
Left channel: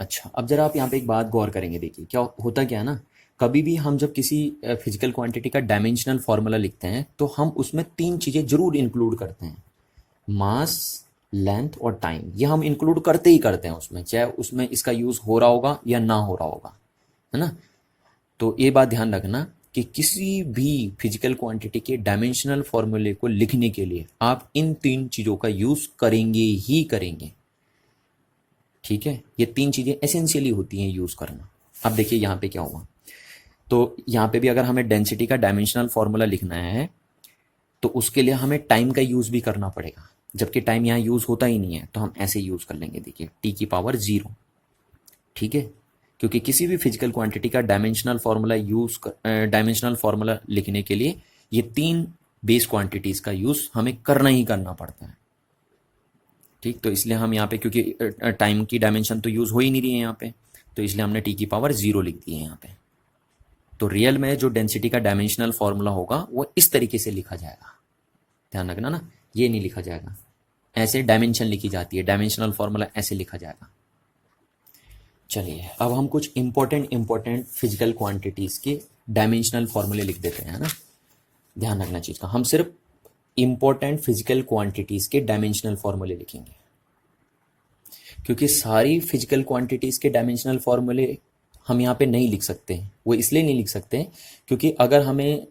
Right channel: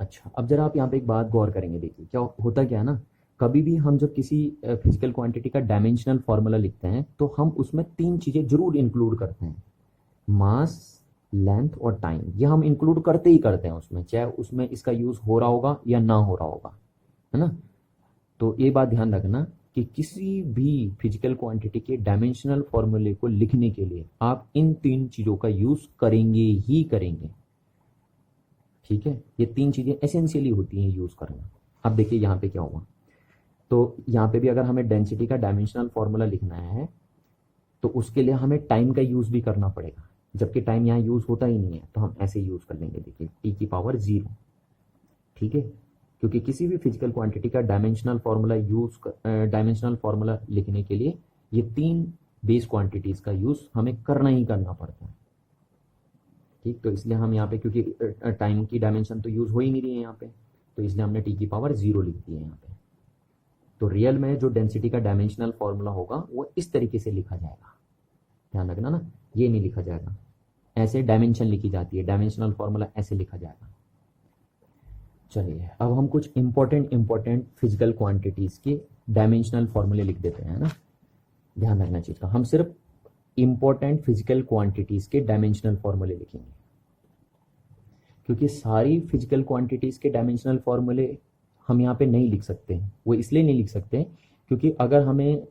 अच्छा, अब जरा आप यहाँ पे एक बात गौर करेंगे, देखिए क्या होता, क्या ना, कभी भी हम जब किसी फिजिकल क्वांटिटी का डायमेंशनल फॉर्मूला लिखते हैं तो हम उसमें 3 चीज़ें जरूर इंक्लूड करते हैं, मास, लेंथ और टाइम। ये हम इंक्लूड करते ही करते हैं उसमें, चाहे उसमें इसका यूज़ हो रहा होगा या ना हो रहा होगा, है ना। तो ये बात ध्यान रखना कि किसी भी फिजिकल क्वांटिटी के डायमेंशनल फॉर्मूले को लिखने के लिए आप इन 3 चीज़ों का यूज़ करेंगे ही करेंगे। ठीक है, ये 3 चीज़ें एसेंशियली होती हैं यूज़ करना। अब देखिए यहाँ पे क्या हुआ, तो यहाँ पे भी अगर हमें डेंसिटी का डायमेंशनल फॉर्मूला लिखना है तो उसके लिए हमें टाइम का यूज़ भी करना पड़ेगा, जबकि टाइम यहाँ यूज़ होता ही नहीं है, तो हम ऐसे यूज़ कर लेंगे, देखिए t की पावर 0। ठीक है, क्योंकि किसी भी फिजिकल क्वांटिटी का डायमेंशनल फॉर्मूला लिखने के लिए ये 3 बेस क्वांटिटीज़ का यूज़ हमें करना ही करना पड़ता है। ठीक, तो इसलिए हम यहाँ पे, क्योंकि टाइम की डायमेंशन तो यूज़ हो ही नहीं रही है यहाँ पे, तो इसलिए हमने t की पावर 0 लिख दी है यहाँ पे। तो रियल में जो डेंसिटी का डायमेंशनल फॉर्मूला होगा वो इस तरीके से लिखा जाएगा, ध्यान रखना ना, ये नहीं लिखा जाएगा, ऐसे डायमेंशन लिखी जाती है, डायमेंशनल फॉर्मूला ऐसे लिखा जाएगा। चलिए अब हम कुछ इंपॉर्टेंट फिजिकल क्वांटिटीज़ के डायमेंशनल फॉर्मूले लिख देते हैं, है ना। ध्यान रखना चीज़ का, हम सिर्फ इंपॉर्टेंट फिजिकल क्वांटिटीज़ के डायमेंशनल फॉर्मूले लिखेंगे, क्योंकि सारी फिजिकल क्वांटिटीज़ के डायमेंशनल फॉर्मूले हम यहाँ पे नहीं लिख सकते हैं। वो इसलिए नहीं लिख सकते क्योंकि अगर हमें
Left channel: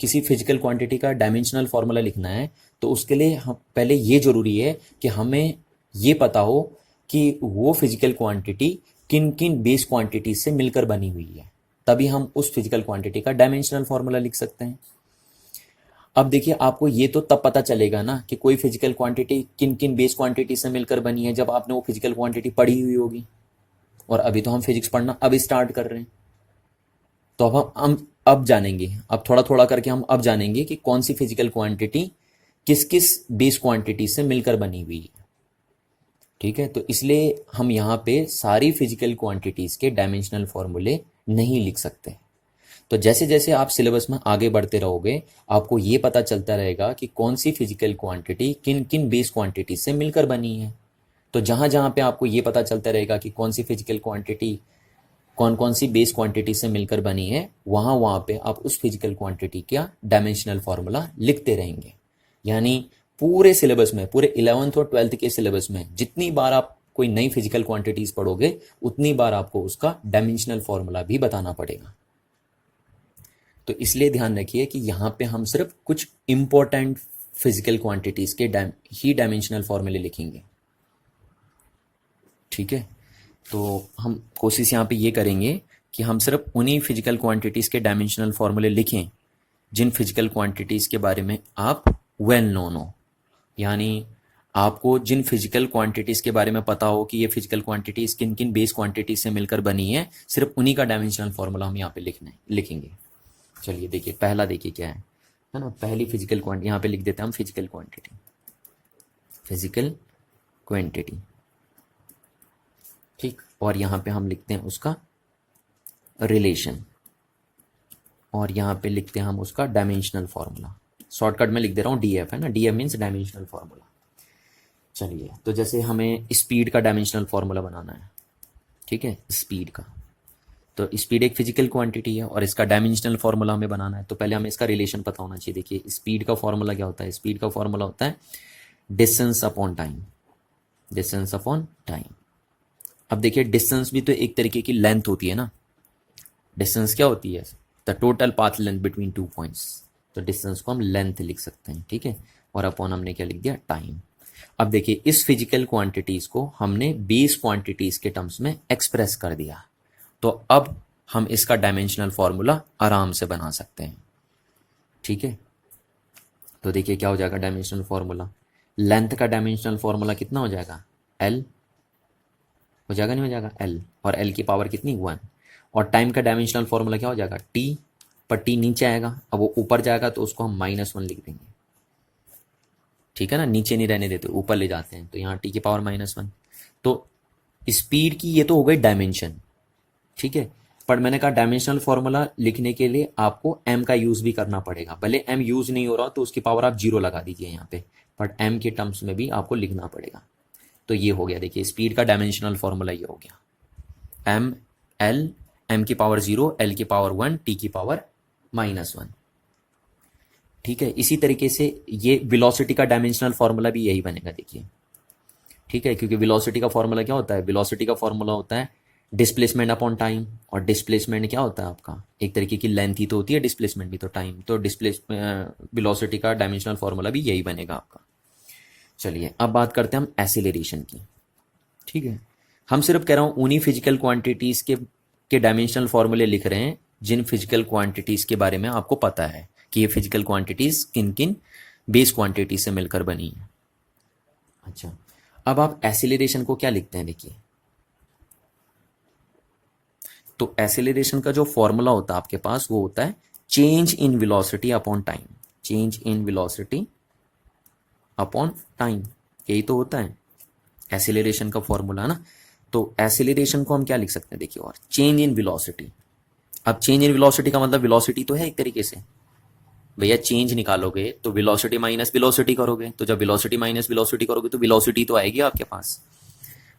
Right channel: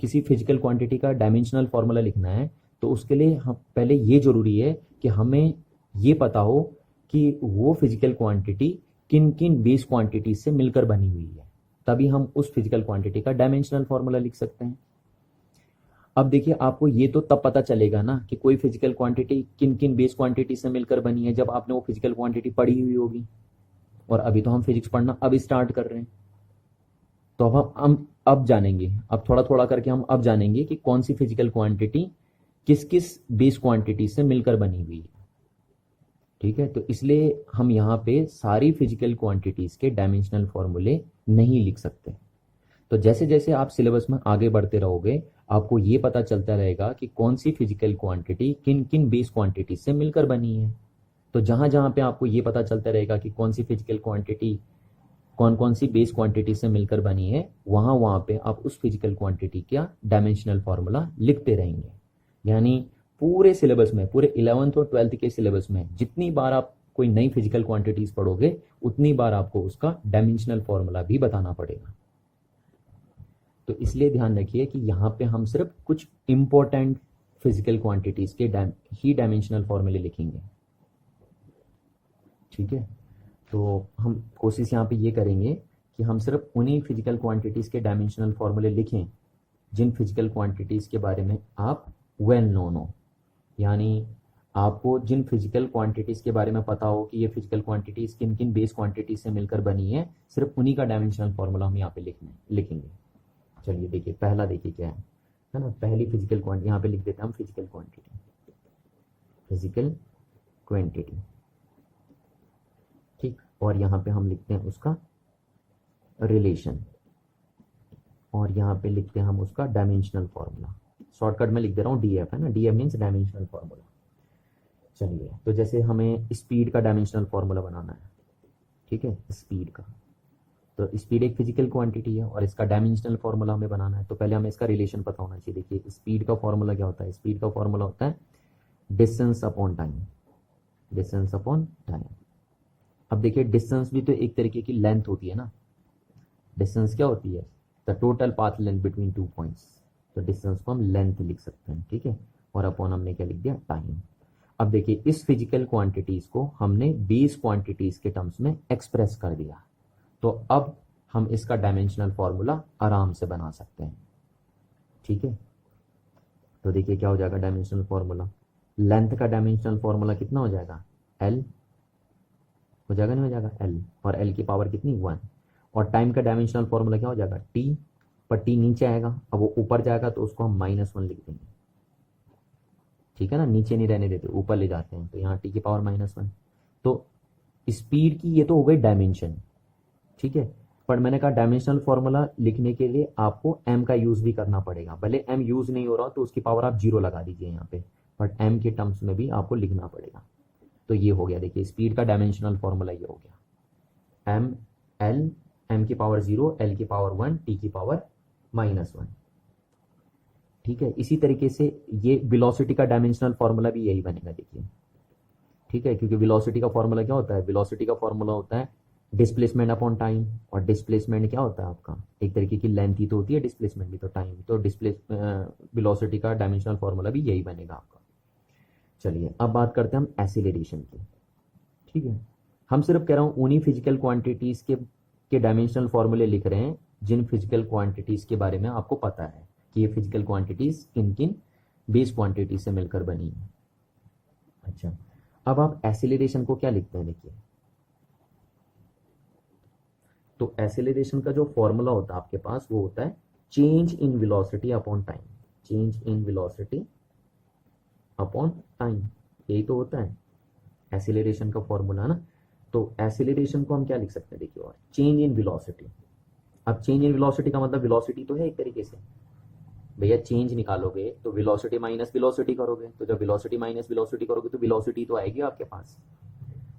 किसी फिजिकल क्वांटिटी का डायमेंशनल फॉर्मूला लिखना है तो उसके लिए हम पहले ये ज़रूरी है कि हमें ये पता हो कि वो फिजिकल क्वांटिटी किन किन बेस क्वांटिटीज से मिलकर बनी हुई है, तभी हम उस फिजिकल क्वांटिटी का डायमेंशनल फॉर्मूला लिख सकते हैं। अब देखिए, आपको ये तो तब पता चलेगा ना कि कोई फिजिकल क्वांटिटी किन किन बेस क्वांटिटी से मिलकर बनी है जब आपने वो फिजिकल क्वांटिटी पढ़ी हुई होगी, और अभी तो हम फिजिक्स पढ़ना अब स्टार्ट कर रहे हैं। तो अब हम अब जानेंगे, अब थोड़ा थोड़ा करके हम अब जानेंगे कि कौन सी फिजिकल क्वांटिटी किस किस बेस क्वांटिटी से मिलकर बनी हुई है। ठीक है, तो इसलिए हम यहाँ पे सारी फिजिकल क्वांटिटीज के डायमेंशनल फॉर्मूले नहीं लिख सकते। तो जैसे जैसे आप सिलेबस में आगे बढ़ते रहोगे आपको ये पता चलता रहेगा कि कौन सी फिजिकल क्वांटिटी किन किन बेस क्वांटिटी से मिलकर बनी है। तो जहाँ जहाँ पे आपको ये पता चलता रहेगा कि कौन सी फिजिकल क्वांटिटी कौन कौन सी बेस क्वांटिटी से मिलकर बनी है, वहाँ वहाँ पे आप उस फिजिकल क्वांटिटी का डायमेंशनल फॉर्मूला लिखते रहेंगे। यानी पूरे सिलेबस में, पूरे 11th और 12th के सिलेबस में जितनी बार आप कोई नई फिजिकल क्वांटिटीज पढ़ोगे उतनी बार आपको उसका डायमेंशनल फॉर्मूला भी बताना पड़ेगा। तो इसलिए ध्यान रखिए कि यहाँ पे हम सिर्फ कुछ इंपॉर्टेंट फिजिकल क्वांटिटीज के ही डायमेंशनल फॉर्मूले लिखेंगे। ठीक है, तो हम कोशिश यहाँ पे ये करेंगे कि हम सिर्फ उन्हीं फिजिकल क्वांटिटीज़ के डायमेंशनल फॉर्मूले लिखें जिन फिजिकल क्वांटिटीज़ के बारे में आप वेल नोन हो, यानी आपको जिन फिजिकल क्वांटिटीज़ के बारे में पता हो कि ये फिजिकल क्वांटिटीज़ किन किन बेस क्वांटिटीज से मिलकर बनी है, सिर्फ उन्हीं का डायमेंशनल फॉर्मूला हम यहाँ पे लिखेंगे। चलिए देखिए, पहला देखिए क्या है ना, पहली फिजिकल क्वांटिटी यहाँ पे लिख देते हैं हम, फिजिकल क्वांटिटी। ठीक, और यहाँ पे हम लिखते हैं उसका रिलेशन, और यहाँ पे लिखते हैं हम उसका डायमेंशनल फॉर्मूला। शॉर्टकट में लिख दे रहा हूँ DF, है ना, DF मीन्स डायमेंशनल फॉर्मूला। चलिए, तो जैसे हमें स्पीड का डायमेंशनल फॉर्मूला बनाना है, ठीक है, स्पीड का, तो स्पीड एक फिजिकल क्वांटिटी है और इसका डायमेंशनल फॉर्मूला हमें बनाना है, तो पहले हमें इसका रिलेशन पता होना चाहिए। देखिए, स्पीड का फॉर्मूला क्या होता है, स्पीड का फॉर्मूला होता है distance upon time, distance upon time. अब देखिए डिस्टेंस भी तो एक तरीके की लेंथ होती है ना, डिस्टेंस क्या होती है, the total path length between two points, तो डिस्टेंस को हम लेंथ लिख सकते हैं, ठीक है, और अपॉन हमने क्या लिख दिया, टाइम। अब देखिए इस फिजिकल क्वांटिटीज को हमने बेस क्वांटिटीज के टर्म्स में एक्सप्रेस कर दिया, तो अब हम इसका डायमेंशनल फॉर्मूला आराम से बना सकते हैं, ठीक है। तो देखिए क्या हो जाएगा डायमेंशनल फॉर्मूला, लेंथ का डायमेंशनल फॉर्मूला कितना हो जाएगा, एल हो जाएगा, नहीं हो जाएगा, एल, और एल की पावर कितनी, 1। और टाइम का डायमेंशनल फॉर्मूला क्या हो जाएगा, टी, पर टी नीचे आएगा, अब वो ऊपर जाएगा तो उसको हम -1 लिख देंगे, ठीक है ना, नीचे नहीं रहने देते, ऊपर ले जाते हैं, तो यहाँ टी की पावर -1। तो स्पीड की ये तो हो गई डायमेंशन, ठीक है, पर मैंने कहा डायमेंशनल फॉर्मूला लिखने के लिए आपको m का यूज भी करना पड़ेगा, भले m यूज नहीं हो रहा तो उसकी पावर आप 0 लगा दीजिए यहाँ पे, बट m के टर्म्स में भी आपको लिखना पड़ेगा। तो ये हो गया, देखिए स्पीड का डायमेंशनल फॉर्मूला ये हो गया, m l, m की पावर 0, l की पावर 1, t की पावर -1, ठीक है। इसी तरीके से ये वेलोसिटी का डायमेंशनल फॉर्मूला भी यही बनेगा, देखिए, ठीक है, क्योंकि वेलोसिटी का फॉर्मूला क्या होता है, वेलोसिटी का फॉर्मूला होता है डिस्प्लेसमेंट अपॉन टाइम, और डिस्प्लेसमेंट क्या होता है आपका, एक तरीके की लेंथ ही तो होती है, डिस्प्लेसमेंट भी तो टाइम, तो वेलोसिटी का डायमेंशनल फॉर्मूला भी यही बनेगा आपका। चलिए अब बात करते हैं हम एसिलेरेशन की, ठीक है। हम सिर्फ कह रहा हूँ उन्हीं फिजिकल क्वांटिटीज के डायमेंशनल फॉर्मूले लिख रहे हैं जिन फिजिकल क्वांटिटीज के बारे में आपको पता है कि ये फिजिकल क्वांटिटीज किन किन बेस क्वांटिटी से मिलकर बनी है। अच्छा, अब आप एसिलेरेशन को क्या लिखते हैं, देखिए, तो एसिलेरेशन का जो फॉर्मूला होता है आपके पास वो होता है change in velocity upon time, change in velocity upon time, यही तो होता है एसिलेरेशन का फॉर्मूला ना। तो एसिलेरेशन को हम क्या लिख सकते हैं, देखिए, और चेंज इन वेलोसिटी। अब चेंज इन वेलोसिटी का मतलब वेलोसिटी तो है एक तरीके से, भैया चेंज निकालोगे तो वेलोसिटी माइनस वेलोसिटी करोगे, तो जब वेलोसिटी माइनस वेलोसिटी करोगे तो वेलोसिटी तो आएगी आपके पास,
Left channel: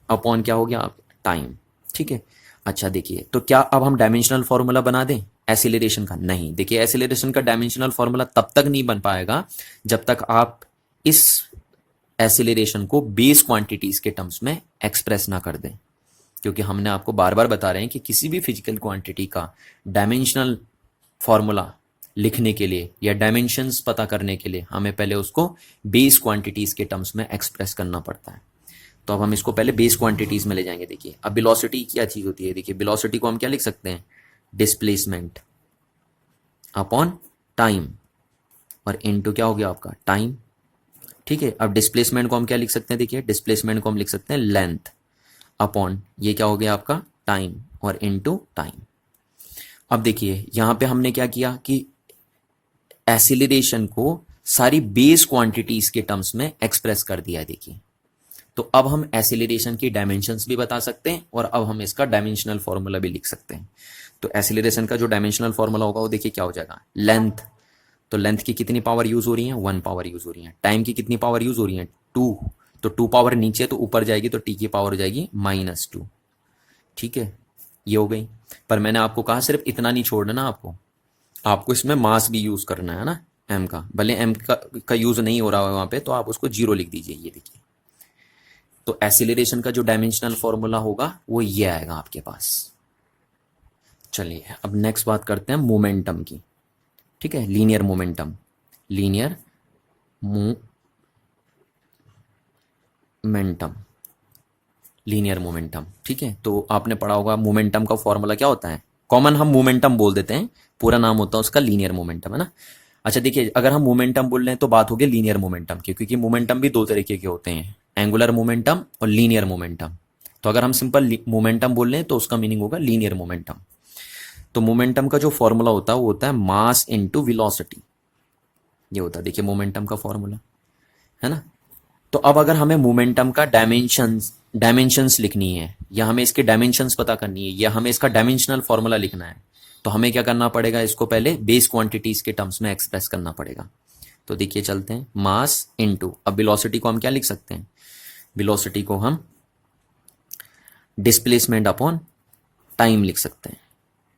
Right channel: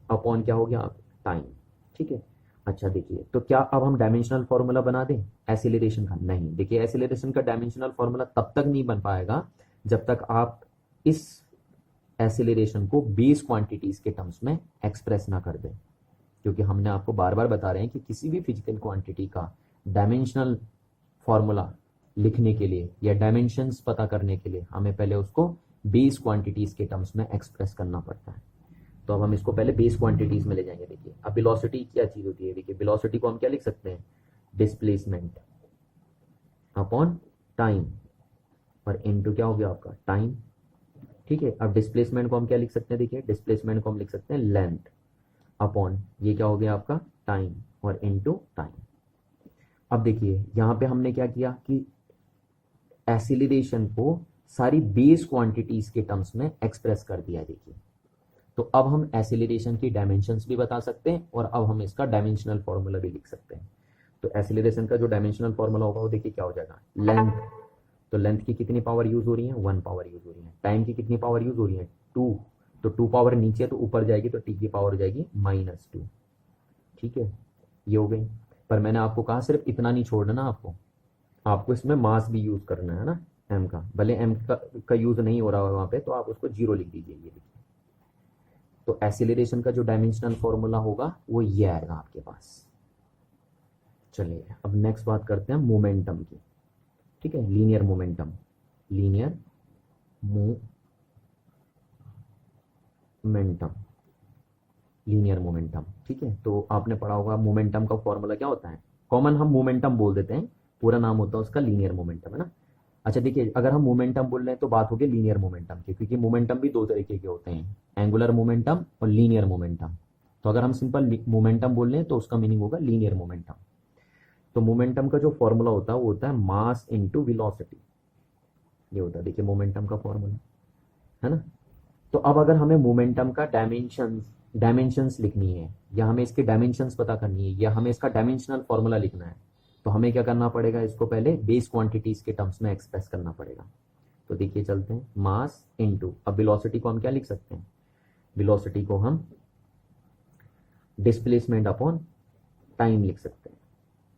अपॉन क्या हो गया, टाइम, ठीक है। अच्छा देखिए, तो क्या अब हम डायमेंशनल फॉर्मूला बना दें एसिलेरेशन का, नहीं, देखिए एसिलेरेशन का डायमेंशनल फॉर्मूला तब तक नहीं बन पाएगा जब तक आप इस एसिलेरेशन को बेस क्वांटिटीज के टर्म्स में एक्सप्रेस ना कर दें, क्योंकि हमने आपको बार बार बता रहे हैं कि किसी भी फिजिकल क्वांटिटी का डायमेंशनल फॉर्मूला लिखने के लिए या डायमेंशंस पता करने के लिए हमें पहले उसको बेस क्वांटिटीज के टर्म्स में एक्सप्रेस करना पड़ता है। तो अब हम इसको पहले बेस क्वांटिटीज में ले जाएंगे। देखिए अब वेलोसिटी क्या चीज होती है, देखिए वेलोसिटी को हम क्या लिख सकते हैं, डिस्प्लेसमेंट अपॉन टाइम, और इनटू क्या हो गया आपका टाइम, ठीक है। अब डिस्प्लेसमेंट को हम क्या लिख सकते हैं, देखिए डिस्प्लेसमेंट को हम लिख सकते हैं लेंथ अपॉन ये क्या हो गया आपका टाइम, और इनटू टाइम। अब देखिए यहां पे हमने क्या किया कि एसिलेरेशन को सारी बेस क्वांटिटीज के टर्म्स में एक्सप्रेस कर दिया है, देखिए। तो अब हम एसिलेरेशन की डायमेंशंस भी बता सकते हैं और अब हम इसका डायमेंशनल फॉर्मूला भी लिख सकते हैं। तो एसिलेरेशन का जो डायमेंशनल फॉर्मूला होगा वो देखिए क्या हो जाएगा, लेंथ, तो लेंथ की कितनी पावर यूज हो रही है, 1 पावर यूज हो रही है। टाइम की कितनी पावर यूज हो रही है, 2, तो 2 पावर नीचे तो ऊपर जाएगी, तो टी की पावर हो जाएगी -2, ठीक है, ये हो गई। पर मैंने आपको कहा सिर्फ इतना नहीं छोड़ना ना, आपको इसमें मास भी यूज करना है ना, एम का, भले एम का यूज नहीं हो रहा है वहां पे, तो आप उसको 0 लिख दीजिए, ये देखिए। तो एसिलेरेशन का जो डायमेंशनल फॉर्मूला होगा वो ये आएगा आपके पास। चलिए अब नेक्स्ट बात करते हैं मोमेंटम की, ठीक है, linear momentum, linear momentum, linear momentum, ठीक है। तो आपने पढ़ा होगा मोमेंटम का फॉर्मूला क्या होता है, कॉमन हम मोमेंटम बोल देते हैं, पूरा नाम होता है उसका लीनियर मोमेंटम, है ना। अच्छा देखिए, अगर हम मोमेंटम बोल रहे हैं तो बात होगी लीनियर मोमेंटम की, क्योंकि मोमेंटम भी दो तरीके के होते हैं, एंगुलर मोमेंटम और लीनियर मोमेंटम। तो अगर हम सिंपल मोमेंटम बोल रहे हैं तो उसका मीनिंग होगा लीनियर मोमेंटम। तो मोमेंटम का जो फॉर्मूला होता है वो होता है मास इनटू वेलोसिटी, ये होता है, देखिए मोमेंटम का फॉर्मूला, है ना। तो अब अगर हमें मोमेंटम का डायमेंशंस लिखनी है, या हमें इसके डायमेंशंस पता करनी है, या हमें इसका डायमेंशनल फॉर्मूला लिखना है, तो हमें क्या करना पड़ेगा, इसको पहले बेस क्वांटिटीज के टर्म्स में एक्सप्रेस करना पड़ेगा। तो देखिए चलते हैं, मास इनटू, अब वेलोसिटी को हम क्या लिख सकते हैं, वेलोसिटी को हम डिस्प्लेसमेंट अपॉन टाइम लिख सकते हैं,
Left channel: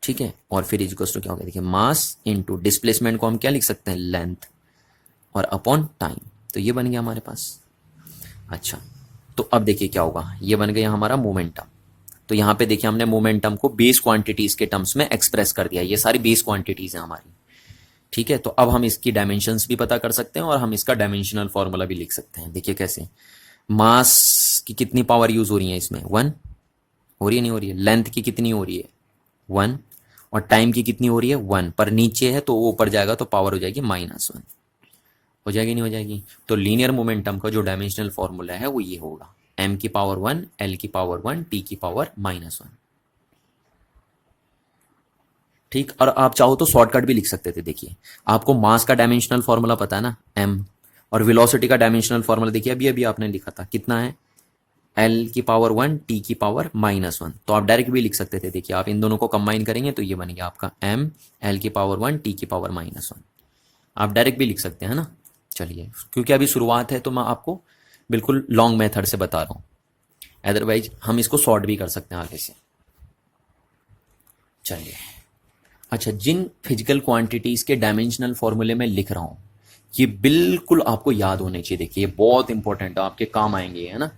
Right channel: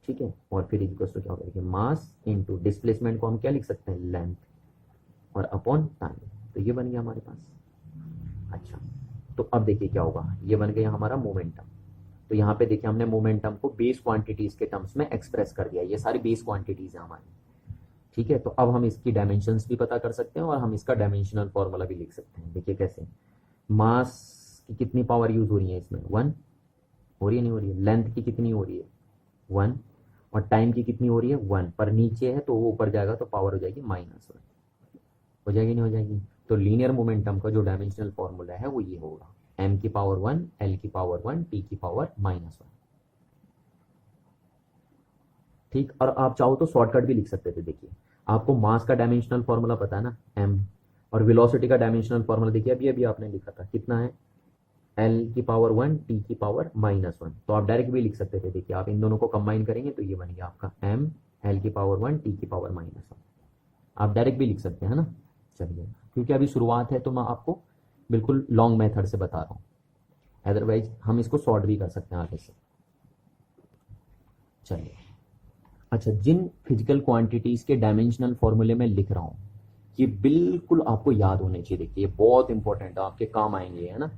ठीक है। और फिर इक्वल्स टू क्या होगा, देखिए मास इनटू डिस्प्लेसमेंट को हम क्या लिख सकते हैं, लेंथ, और अपॉन टाइम। तो ये बन गया हमारे पास, अच्छा, तो अब देखिए क्या होगा, ये बन गया हमारा मोमेंटम। तो यहाँ पे देखिए हमने मोमेंटम को बेस क्वांटिटीज के टर्म्स में एक्सप्रेस कर दिया, ये सारी बेस क्वांटिटीज हैं हमारी। ठीक है, तो अब हम इसकी डायमेंशंस भी पता कर सकते हैं और हम इसका डायमेंशनल फॉर्मूला भी लिख सकते हैं। देखिए कैसे, मास की कितनी पावर यूज हो रही है इसमें, 1 हो रही है, नहीं हो रही है। लेंथ की कितनी हो रही है, 1। और टाइम की कितनी हो रही है, 1। पर नीचे है तो वो ऊपर जाएगा तो पावर हो जाएगी -1। हो जाएगी, नहीं हो जाएगी। तो लीनियर मोमेंटम का जो डायमेंशनल फॉर्मूला है वो ये होगा, m की पावर 1, l की पावर 1, t की पावर -1। ठीक, और आप चाहो तो शॉर्टकट भी लिख सकते थे। देखिए आपको मास का डायमेंशनल फॉर्मूला पता है ना, m, और वेलोसिटी का डायमेंशनल फॉर्मूला देखिए अभी अभी आपने लिखा था, कितना है, l की पावर 1, t की पावर -1। तो आप डायरेक्ट भी लिख सकते थे। देखिए आप इन दोनों को कंबाइन करेंगे तो ये बन गया आपका m, l की पावर 1, t की पावर -1। आप डायरेक्ट भी लिख सकते हैं ना। चलिए, क्योंकि अभी शुरुआत है तो मैं आपको बिल्कुल लॉन्ग मेथड से बता रहा हूँ, अदरवाइज हम इसको शॉर्ट भी कर सकते हैं आगे से। चलिए, अच्छा, जिन फिजिकल क्वांटिटीज के डायमेंशनल फॉर्मूले में लिख रहा हूँ ये बिल्कुल आपको याद होने चाहिए। देखिए ये बहुत इंपॉर्टेंट है, आपके काम आएंगे, है ना।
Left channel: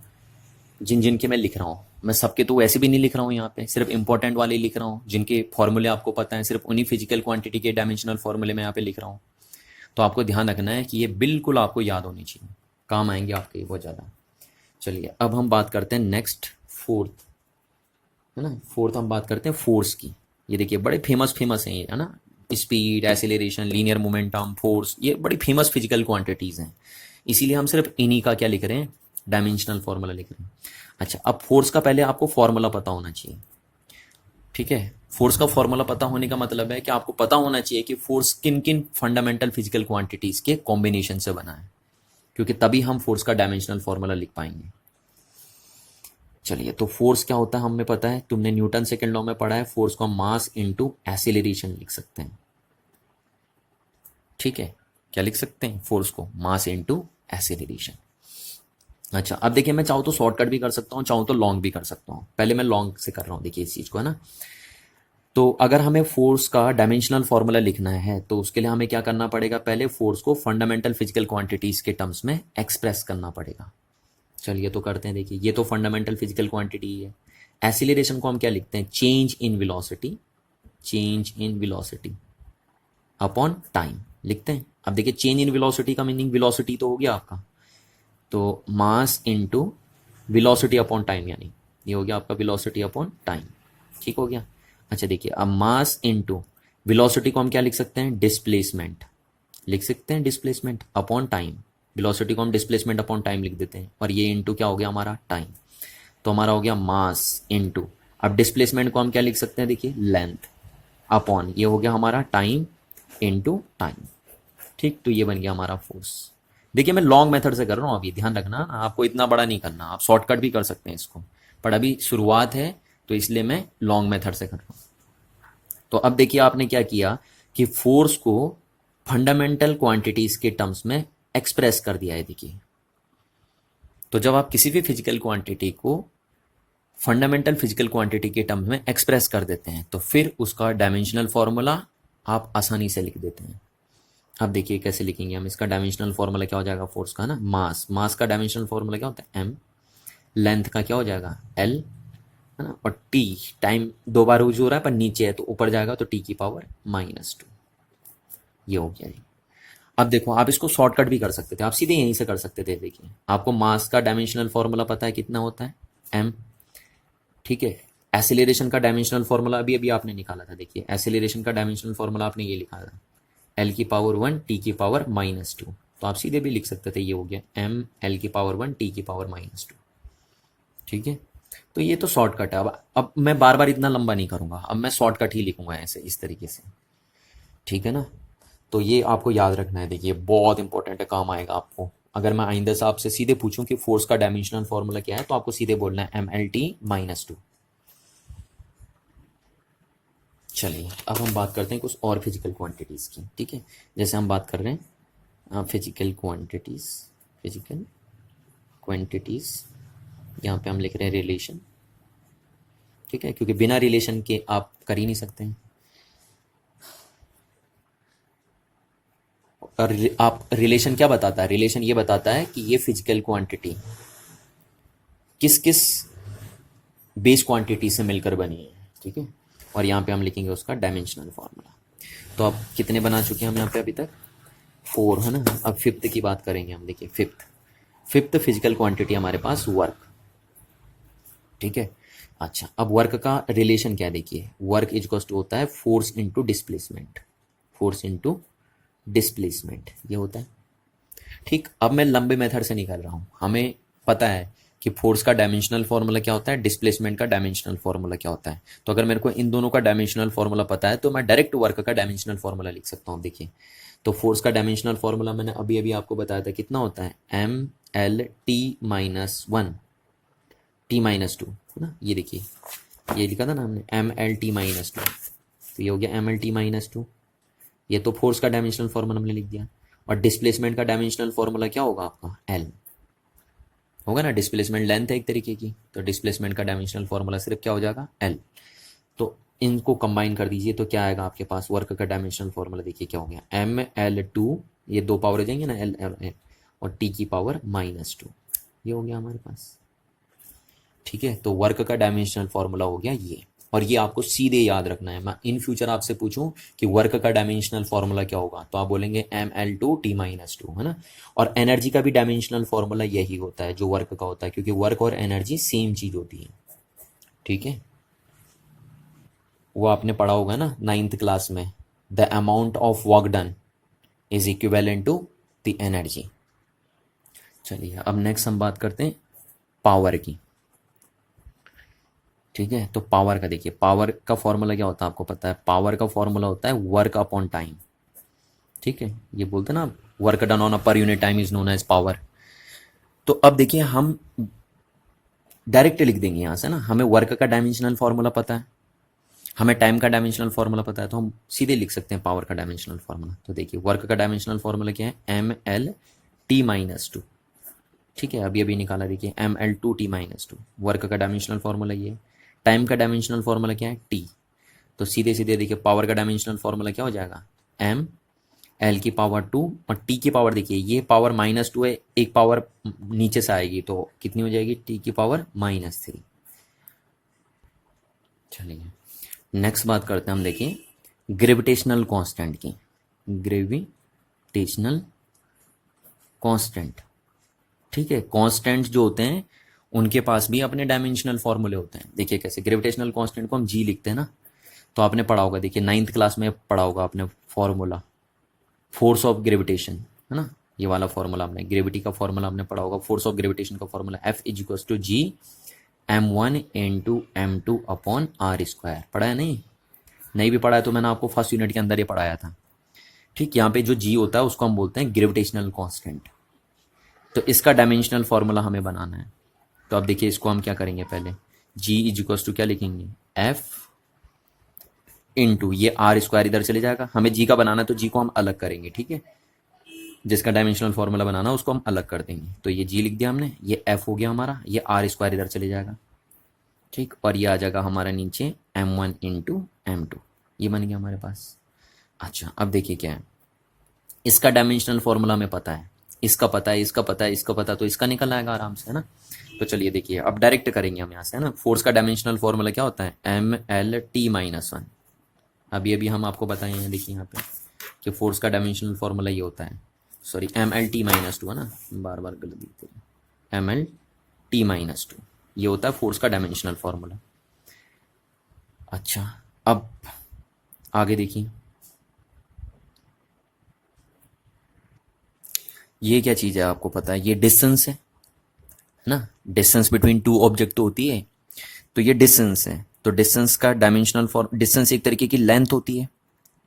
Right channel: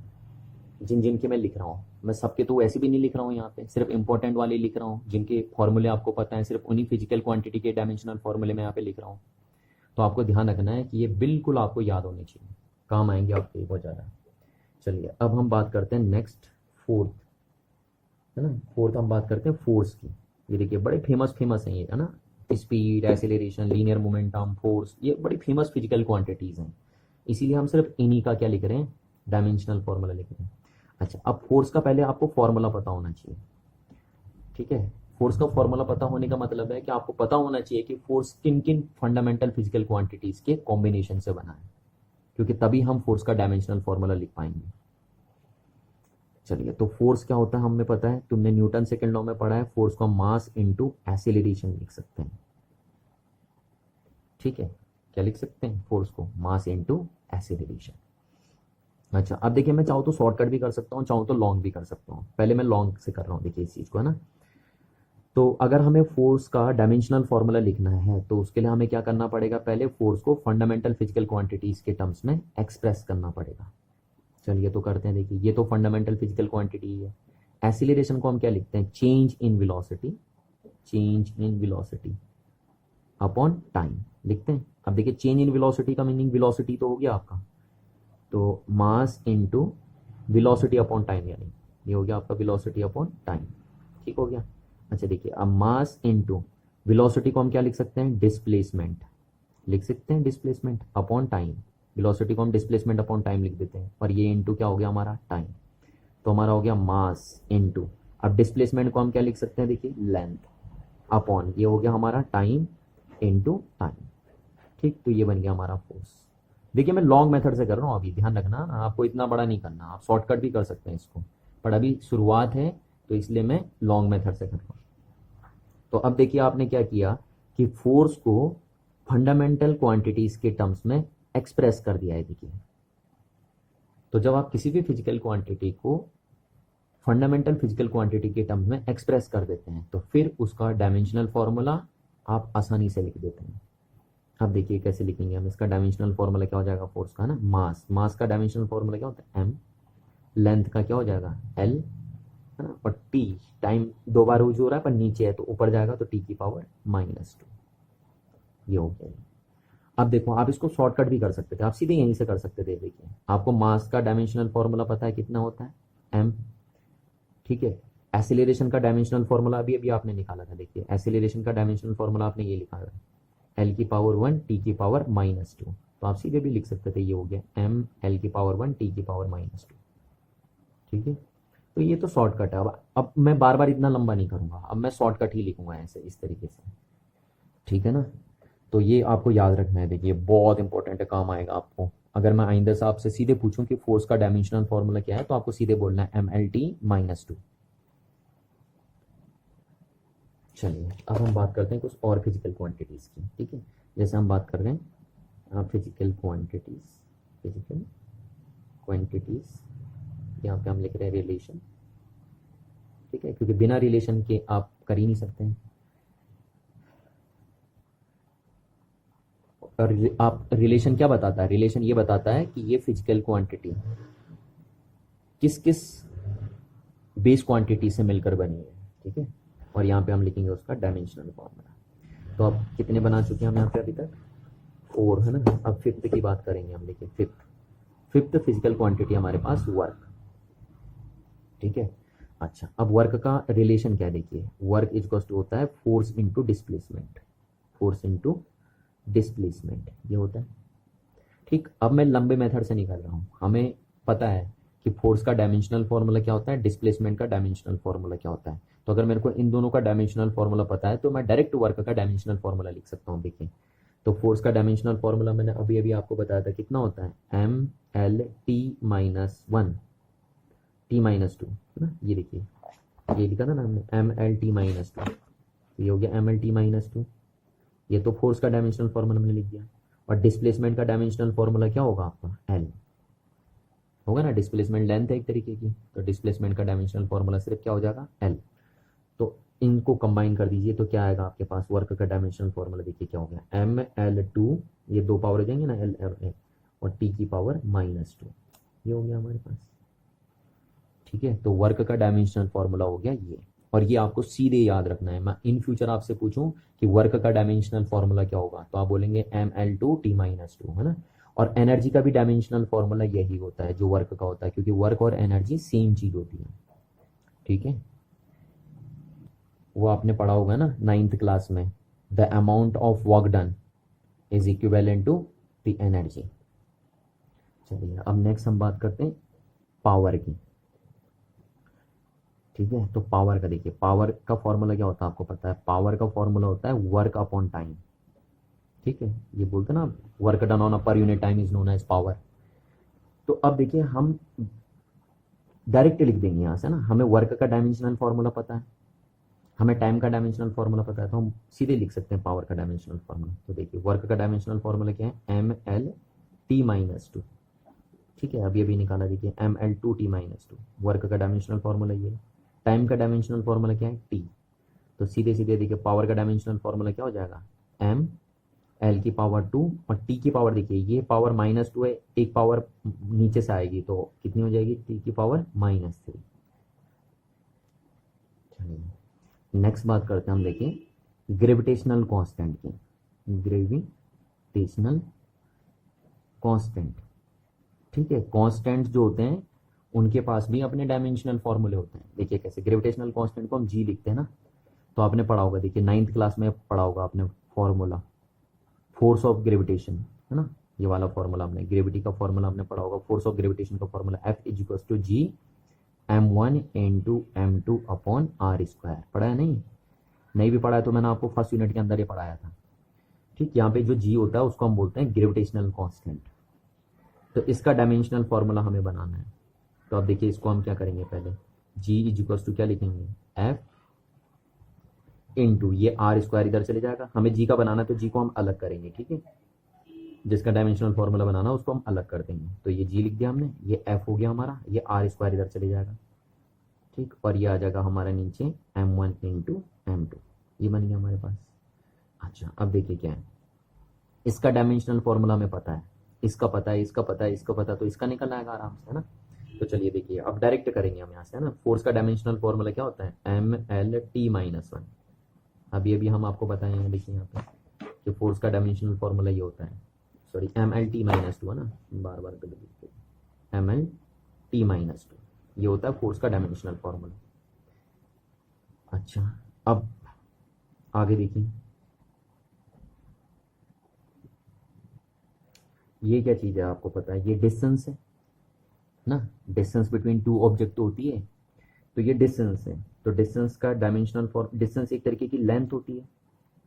जिन जिन के मैं लिख रहा हूँ, मैं सबके तो वैसे भी नहीं लिख रहा हूँ यहाँ पे, सिर्फ इंपॉर्टेंट वाले लिख रहा हूँ। जिनके फॉर्मूले आपको पता है, सिर्फ उन्हीं फिजिकल क्वांटिटी के डायमेंशनल फॉर्मूले में यहाँ पे लिख रहा हूँ। तो आपको ध्यान रखना है कि ये बिल्कुल आपको याद होनी चाहिए, काम आएंगे आपके बहुत ज़्यादा। चलिए अब हम बात करते हैं नेक्स्ट, फोर्थ, है ना। फोर्थ हम बात करते हैं फोर्स की। ये देखिए बड़े फेमस फेमस हैं ये, है ना। स्पीड, एसिलेरेशन, लीनियर मोमेंटम, फोर्स, ये बड़ी फेमस फिजिकल क्वांटिटीज़ हैं। इसीलिए हम सिर्फ इन्हीं का क्या लिख रहे हैं, डायमेंशनल फॉर्मूला लिख रहे हैं। अच्छा, अब फोर्स का पहले आपको फॉर्मूला पता होना चाहिए। ठीक है, फोर्स का फॉर्मूला पता होने का मतलब है कि आपको पता होना चाहिए कि फोर्स किन किन फंडामेंटल फिजिकल क्वांटिटीज के कॉम्बिनेशन से बना है, क्योंकि तभी हम फोर्स का डायमेंशनल फॉर्मूला लिख पाएंगे। चलिए, तो फोर्स क्या होता है हमें पता है, तुमने न्यूटन सेकेंड लॉ में पढ़ा है, फोर्स को मास इनटू एक्सीलरेशन लिख सकते हैं। ठीक है, क्या लिख सकते हैं, फोर्स को मास इनटू एक्सीलरेशन। अच्छा, अब देखिए मैं चाहूँ तो शॉर्टकट भी कर सकता हूँ, चाहूँ तो लॉन्ग भी कर सकता हूँ। पहले मैं लॉन्ग से कर रहा हूँ, देखिए इस चीज़ को, है ना। तो अगर हमें फोर्स का डायमेंशनल फॉर्मूला लिखना है तो उसके लिए हमें क्या करना पड़ेगा, पहले फोर्स को फंडामेंटल फिजिकल क्वांटिटीज के टर्म्स में एक्सप्रेस करना पड़ेगा। चलिए तो करते हैं। देखिए ये तो फंडामेंटल फिजिकल क्वांटिटी है। एसिलेरेशन को हम क्या लिखते हैं, change in velocity, change in velocity upon time लिखते हैं। अब देखिए चेंज इन वेलोसिटी का मीनिंग वेलोसिटी तो हो गया आपका, तो mass into velocity upon time, यानी ये हो गया आपका वेलोसिटी अपॉन टाइम। ठीक हो गया। अच्छा देखिए, अब मास इनटू वेलोसिटी को हम क्या लिख सकते हैं, डिस्प्लेसमेंट लिख सकते हैं, डिस्प्लेसमेंट अपॉन टाइम। वेलोसिटी को हम डिस्प्लेसमेंट अपॉन टाइम लिख देते हैं, और ये इनटू क्या हो गया हमारा, टाइम। तो हमारा हो गया मास इनटू, अब डिस्प्लेसमेंट को हम क्या लिख सकते हैं, देखिए लेंथ अपॉन, ये हो गया हमारा टाइम इनटू टाइम। ठीक, तो ये बन गया हमारा फोर्स। देखिए मैं लॉन्ग मेथड से कर रहा हूँ, अभी ध्यान रखना, आपको इतना बड़ा नहीं करना, आप शॉर्टकट भी कर सकते हैं इसको, पर अभी शुरुआत है तो इसलिए मैं लॉन्ग मेथड से कर रहा हूँ। तो अब देखिए आपने क्या किया कि फोर्स को फंडामेंटल क्वांटिटीज के टर्म्स में एक्सप्रेस कर दिया है। देखिए, तो जब आप किसी भी फिजिकल क्वांटिटी को फंडामेंटल फिजिकल क्वांटिटी के टर्म्स में एक्सप्रेस कर देते हैं तो फिर उसका डायमेंशनल फॉर्मूला आप आसानी से लिख देते हैं। अब देखिए कैसे लिखेंगे हम, इसका डायमेंशनल फॉर्मूला क्या हो जाएगा फोर्स का ना, मास, मास का डायमेंशनल फॉर्मूला क्या होता है, m, लेंथ का क्या हो जाएगा, l, है ना, और t, टाइम दो बार यूज हो रहा है पर नीचे है तो ऊपर जाएगा तो t की पावर -2। ये हो गया। अब देखो आप इसको शॉर्टकट भी कर सकते थे, आप सीधे यहीं से कर सकते थे। देखिए आपको मास का डायमेंशनल फॉर्मूला पता है कितना होता है, m। ठीक है, एसिलेरेशन का डायमेंशनल फॉर्मूला अभी अभी आपने निकाला था। देखिए एसिलेरेशन का डायमेंशनल फॉर्मूला आपने ये लिखा था, l की पावर 1, t की पावर -2। तो आप सीधे भी लिख सकते थे, ये हो गया m, l की पावर 1, t की पावर -2। ठीक है, तो ये तो शॉर्टकट है। अब मैं बार बार इतना लंबा नहीं करूंगा, अब मैं शॉर्टकट ही लिखूंगा ऐसे, इस तरीके से। ठीक है ना, तो ये आपको याद रखना है। देखिए बहुत इंपॉर्टेंट है, काम आएगा आपको। अगर मैं आइंदा से आपसे सीधे पूछूं कि फोर्स का डायमेंशनल फॉर्मूला क्या है तो आपको सीधे बोलना है mlt-2। चलिए अब हम बात करते हैं कुछ और फिजिकल क्वांटिटीज़ की। ठीक है, जैसे हम बात कर रहे हैं फिजिकल क्वांटिटीज़, फिजिकल क्वांटिटीज़, यहाँ पे हम लिख रहे हैं रिलेशन। ठीक है, क्योंकि बिना रिलेशन के आप कर ही नहीं सकते हैं। और आप रिलेशन क्या बताता है, रिलेशन ये बताता है कि ये फिजिकल क्वांटिटी किस किस बेस क्वांटिटी से मिलकर बनी है, ठीक है। और यहाँ पे हम लिखेंगे उसका डायमेंशनल फार्मूला। तो अब कितने बना चुके हैं हम यहाँ पे अभी तक? 4 है ना। अब फिफ्थ की बात करेंगे हम। देखिए फिफ्थ फिजिकल क्वांटिटी हमारे पास वर्क, ठीक है। अच्छा, अब वर्क का रिलेशन क्या है? देखिए वर्क इज होता है force into displacement, force into displacement, ये होता है, ठीक। अब मैं लंबे मेथड से निकाल रहा हूँ। हमें पता है कि फोर्स का डायमेंशनल फॉर्मूला क्या होता है, डिस्प्लेसमेंट का डायमेंशनल फॉर्मूला क्या होता है। तो अगर मेरे को इन दोनों का डायमेंशनल फॉर्मूला पता है तो मैं डायरेक्ट वर्क का डायमेंशनल फॉर्मूला लिख सकता हूँ। देखिए, तो फोर्स का डायमेंशनल फॉर्मूला मैंने अभी अभी आपको बताया था, कितना होता है? M L T minus one, T minus two, है ना। ये देखिए, ये लिखा था ना हमने, M L T minus two, तो ये हो गया M L T minus two. ये तो फोर्स का डायमेंशनल फॉर्मूला हमने लिख दिया। और डिस्प्लेसमेंट का डायमेंशनल फॉर्मूला क्या होगा आपका? एल होगा ना। डिस्प्लेसमेंट लेंथ है एक तरीके की, तो डिस्प्लेसमेंट का डायमेंशनल फॉर्मूला सिर्फ क्या हो जाएगा? एल। तो इनको कंबाइन कर दीजिए तो क्या आएगा आपके पास? वर्क का डायमेंशनल फॉर्मूला देखिए क्या हो गया, एम एल टू, ये दो पावर हो जाएंगे ना, एल एल एल, और टी की पावर माइनस टू, ये हो गया हमारे पास, ठीक है। तो वर्क का डायमेंशनल फॉर्मूला हो गया ये। और ये आपको सीधे याद रखना है। मैं इन फ्यूचर आपसे पूछूं कि वर्क का डायमेंशनल फॉर्मूला क्या होगा, तो आप बोलेंगे M L two T minus two, है ना। और एनर्जी का भी डायमेंशनल फॉर्मूला यही होता है जो वर्क का होता है, क्योंकि वर्क और एनर्जी सेम चीज होती है, ठीक है। वो आपने पढ़ा होगा ना 9th क्लास में, the amount of work done is equivalent to the energy. चलिए अब नेक्स्ट हम बात करते हैं पावर की, ठीक है। तो पावर का देखिए, पावर का फॉर्मूला क्या होता है आपको पता है? पावर का फॉर्मूला होता है वर्क अपॉन टाइम, ठीक है। ये बोलते हैं ना, work done on a per unit time is known as power. तो अब देखिए हम डायरेक्ट लिख देंगे यहाँ से ना, हमें वर्क का डायमेंशनल फॉर्मूला पता है, हमें टाइम का डायमेंशनल फॉर्मूला पता है, तो हम सीधे लिख सकते हैं पावर का डायमेंशनल फॉर्मूला। तो देखिए वर्क का डायमेंशनल फॉर्मूला क्या है? M L T minus two, ठीक है। अभी अभी निकाला, देखिए M L two T minus two, work का डायमेंशनल फॉर्मूला ये है। टाइम का डायमेंशनल फॉर्मूला क्या है? टी। तो सीधे सीधे देखिए पावर का डायमेंशनल फॉर्मूला क्या हो जाएगा? एम एल की पावर टू, और टी की पावर देखिए ये पावर माइनस टू है, एक पावर नीचे से आएगी तो कितनी हो जाएगी? टी की पावर माइनस थ्री। चलिए नेक्स्ट बात करते हैं हम, देखिए ग्रेविटेशनल कांस्टेंट की। ग्रेविटेशनल कांस्टेंट, ठीक है। कांस्टेंट जो होते हैं उनके पास भी अपने डायमेंशनल फॉर्मूले होते हैं। देखिए कैसे, ग्रेविटेशनल कांस्टेंट को हम जी लिखते हैं ना, तो आपने पढ़ा होगा, देखिए 9th क्लास में पढ़ा होगा आपने फॉर्मूला, फोर्स ऑफ ग्रेविटेशन, है ना। ये वाला फॉर्मूला आपने, ग्रेविटी का फॉर्मूला आपने पढ़ा होगा, फोर्स ऑफ ग्रेविटेशन का formula F is equal to G M one into M two upon R square. पढ़ा है? नहीं भी पढ़ा है तो मैंने आपको फर्स्ट यूनिट के अंदर ही पढ़ाया था, ठीक। यहाँ पे जो जी होता है उसको हम बोलते हैं ग्रेविटेशनल कांस्टेंट। तो इसका डायमेंशनल फॉर्मूला हमें बनाना है। तो अब देखिए इसको हम क्या करेंगे, पहले जी इज इक्वल टू क्या लिखेंगे? एफ इंटू ये आर स्क्वायर इधर चले जाएगा, हमें जी का बनाना है तो जी को हम अलग करेंगे, ठीक है। जिसका डायमेंशनल फॉर्मूला बनाना है उसको हम अलग कर देंगे। तो ये जी लिख दिया हमने, ये एफ हो गया हमारा, ये आर स्क्वायर इधर चले जाएगा, ठीक। और ये आ जाएगा हमारा नीचे M one into M two, ये बन गया हमारे पास। अच्छा अब देखिए क्या है, इसका डायमेंशनल फॉर्मूला हमें पता है, इसका पता है, इसका पता है, इसका पता है, तो इसका निकल आएगा आराम से, है ना। तो चलिए देखिए अब डायरेक्ट करेंगे हम यहाँ से, है ना। फोर्स का डायमेंशनल फॉर्मूला क्या होता है? M L T minus one. अभी अभी हम आपको बताएं हैं, देखिए यहाँ पे कि फोर्स का डायमेंशनल फॉर्मूला ये होता है, sorry M L T minus two, है ना, बार बार गलत दिखते हैं, M L T minus two, ये होता है फोर्स का डायमेंशनल फॉर्मूला। अच्छा अब आगे देखिए, ये क्या चीज़ है आपको पता है? ये डिस्टेंस है ना, डिस्टेंस बिटवीन टू ऑब्जेक्ट होती है, तो ये डिस्टेंस है। तो डिस्टेंस का डायमेंशनल फॉर्म, डिस्टेंस एक तरीके की लेंथ होती है।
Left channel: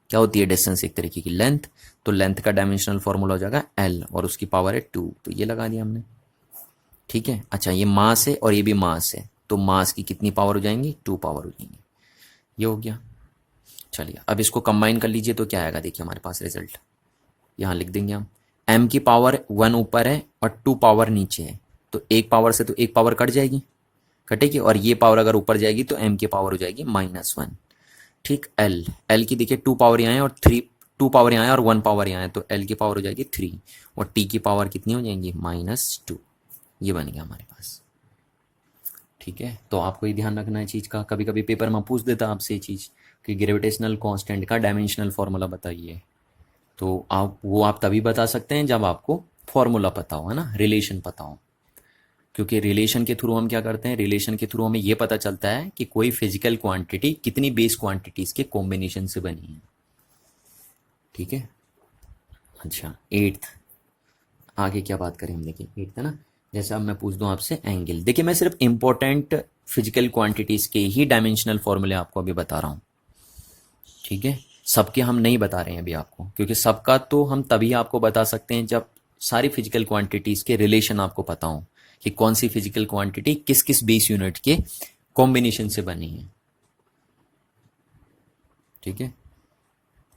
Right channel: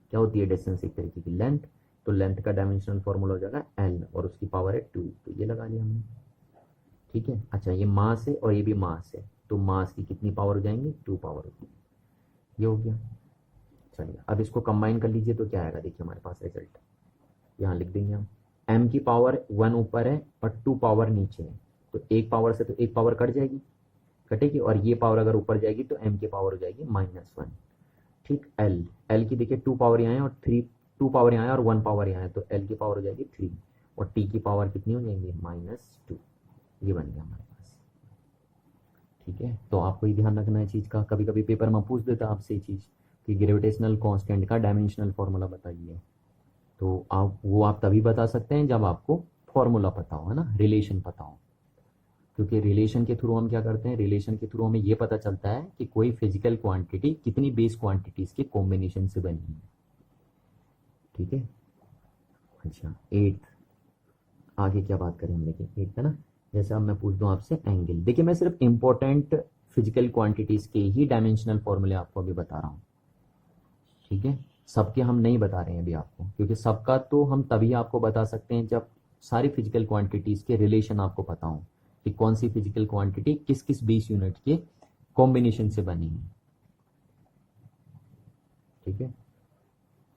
क्या होती है डिस्टेंस? एक तरीके की लेंथ। तो लेंथ का डायमेंशनल फॉर्मूला हो जाएगा एल, और उसकी पावर है टू, तो ये लगा दिया हमने, ठीक है। अच्छा ये मास है और ये भी मास है, तो मास की कितनी पावर हो जाएंगी? टू पावर हो जाएंगी, ये हो गया। चलिए अब इसको कंबाइन कर लीजिए तो क्या आएगा, देखिए हमारे पास रिजल्ट यहाँ लिख देंगे हम। एम की पावर वन ऊपर है और टू पावर नीचे है, तो एक पावर से तो एक पावर कट जाएगी, कटेगी, और ये पावर अगर ऊपर जाएगी तो एम की पावर हो जाएगी माइनस वन, ठीक। एल, एल की देखिए टू पावर यहाँ है और थ्री, टू पावर यहाँ है और वन पावर यहाँ है, तो एल की पावर हो जाएगी थ्री, और टी की पावर कितनी हो जाएंगी? माइनस टू, ये बन गया हमारे पास। ठीक है, तो आपको ये ध्यान रखना है चीज़ का। कभी कभी पेपर में पूछ देता आपसे ये चीज़ कि ग्रेविटेशनल कांस्टेंट का डायमेंशनल फार्मूला बताइए, तो आप तभी बता सकते हैं जब आपको फार्मूला पता हो, है ना, रिलेशन पता हो। क्योंकि रिलेशन के थ्रू हम क्या करते हैं, रिलेशन के थ्रू हमें ये पता चलता है कि कोई फिजिकल क्वांटिटी कितनी बेस क्वांटिटीज के कॉम्बिनेशन से बनी है। ठीक है, अच्छा एट्थ, आगे क्या बात करें हम, देखिए एट्थ है ना। जैसे अब मैं पूछ दूं आपसे एंगल, देखिए मैं सिर्फ इंपॉर्टेंट फिजिकल क्वांटिटीज के ही डायमेंशनल फॉर्मूले आपको अभी बता रहा हूँ। ठीक है, सबके हम नहीं बता रहे हैं अभी आपको, क्योंकि सबका तो हम तभी आपको बता सकते हैं जब सारी फिजिकल क्वांटिटीज के रिलेशन आपको पता हो कि कौन सी फिजिकल क्वांटिटी किस किस बेस यूनिट के कॉम्बिनेशन से बनी है। ठीक है,